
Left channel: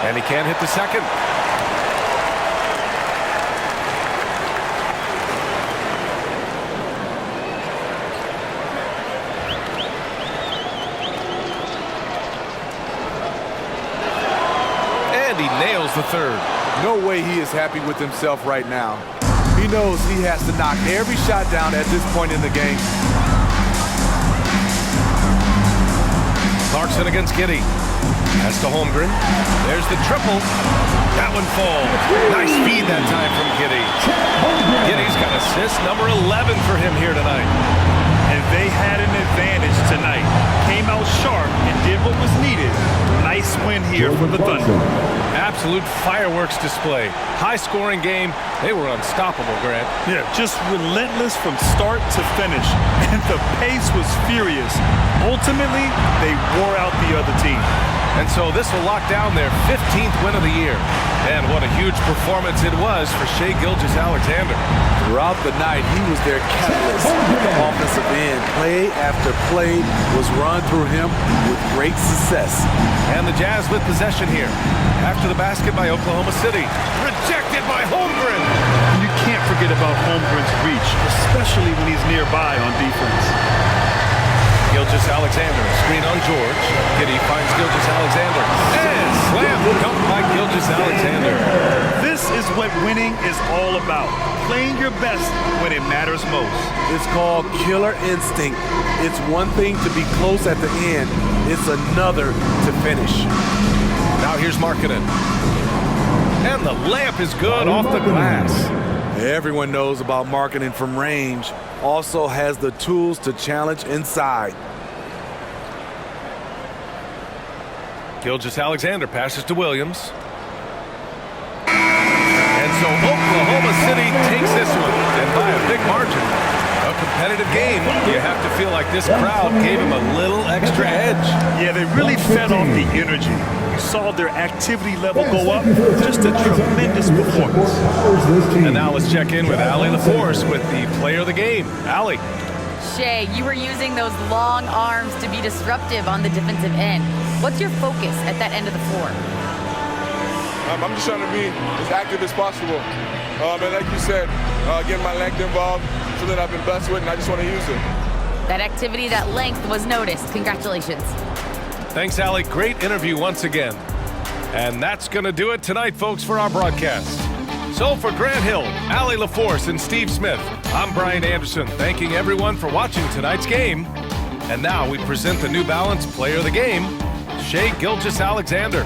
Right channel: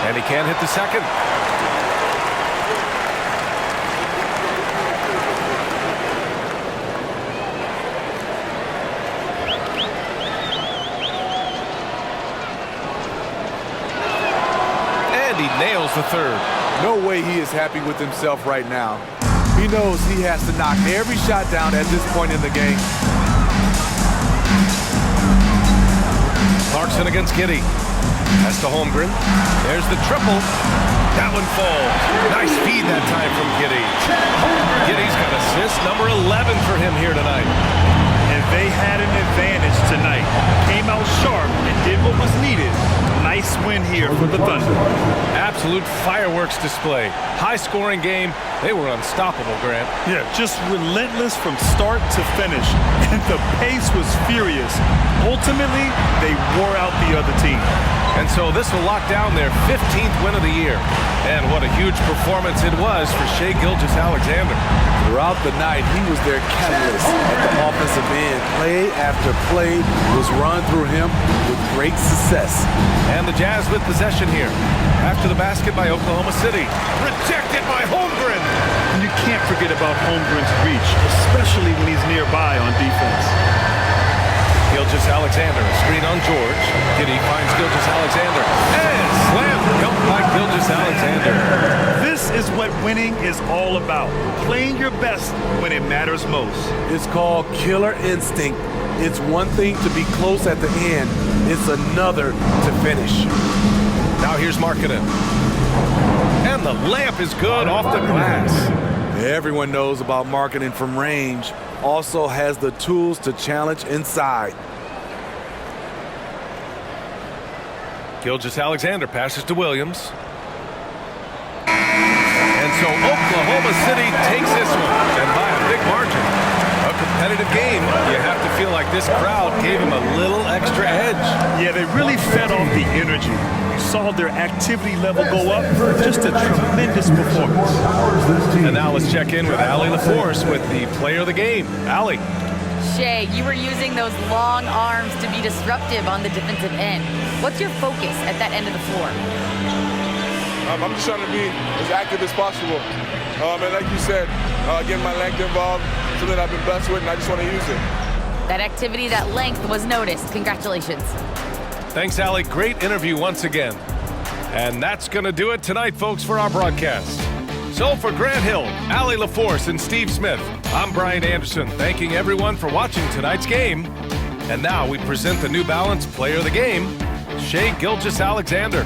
And he can't hit the second. And he nails the third. No way he is happy with himself right now. He knows he has to knock every shot down at this point in the game. Clarkson against Giddey. Pass to Holmgren. There's the triple. That one falls. Nice feed that time from Giddey. Giddey's got assist number 11 for him here tonight. And they had an advantage tonight. Came out sharp and did what was needed. Nice win here for the Thunder. Absolute fireworks display. High-scoring game. They were unstoppable, Grant. Yeah, just relentless from start to finish. And the pace was furious. Ultimately, they wore out the other team. And so this will lock down their 15th win of the year. And what a huge performance it was for Shai Gilgeous-Alexander. Throughout the night, he was their catalyst at the offensive end. Play after play was run through him with great success. And the Jazz with possession here. After the basket by Oklahoma City. Rejected by Holmgren. And you can't forget about Holmgren's reach, especially when he's nearby on defense. Gilgeous-Alexander, a screen on George. Giddey finds Gilgeous-Alexander. And slam dunk by Gilgeous-Alexander. This is what winning is all about. Playing your best when it matters most. It's called killer instinct. It's one thing to be close at the end. It's another to finish. Now here's Markkanen. And the layup is good off the glass. Everyone knows about Markkanen from range. Also has the tools to challenge inside. Gilgeous-Alexander passes to Williams. And so Oklahoma City takes this one, and by a big margin. A competitive game, you have to feel like this crowd gave him a little extra edge. Yeah, they really fed off the energy. You saw their activity level go up. Just a tremendous performance. And now let's check in with Allie LaForce with the player of the game. Allie. Shai, you were using those long arms to be disruptive on the defensive end. What's your focus at that end of the floor? I'm just trying to be as active as possible. And like you said, getting my length involved, something I've been blessed with, and I just want to use it. That activity, that length was noticed. Congratulations. Thanks, Allie. Great interview once again. And that's going to do it tonight, folks, for our broadcast. So for Grant Hill, Allie LaForce, and Steve Smith, I'm Brian Anderson, thanking everyone for watching tonight's game. And now we present the New Balance Player of the Game, Shai Gilgeous-Alexander.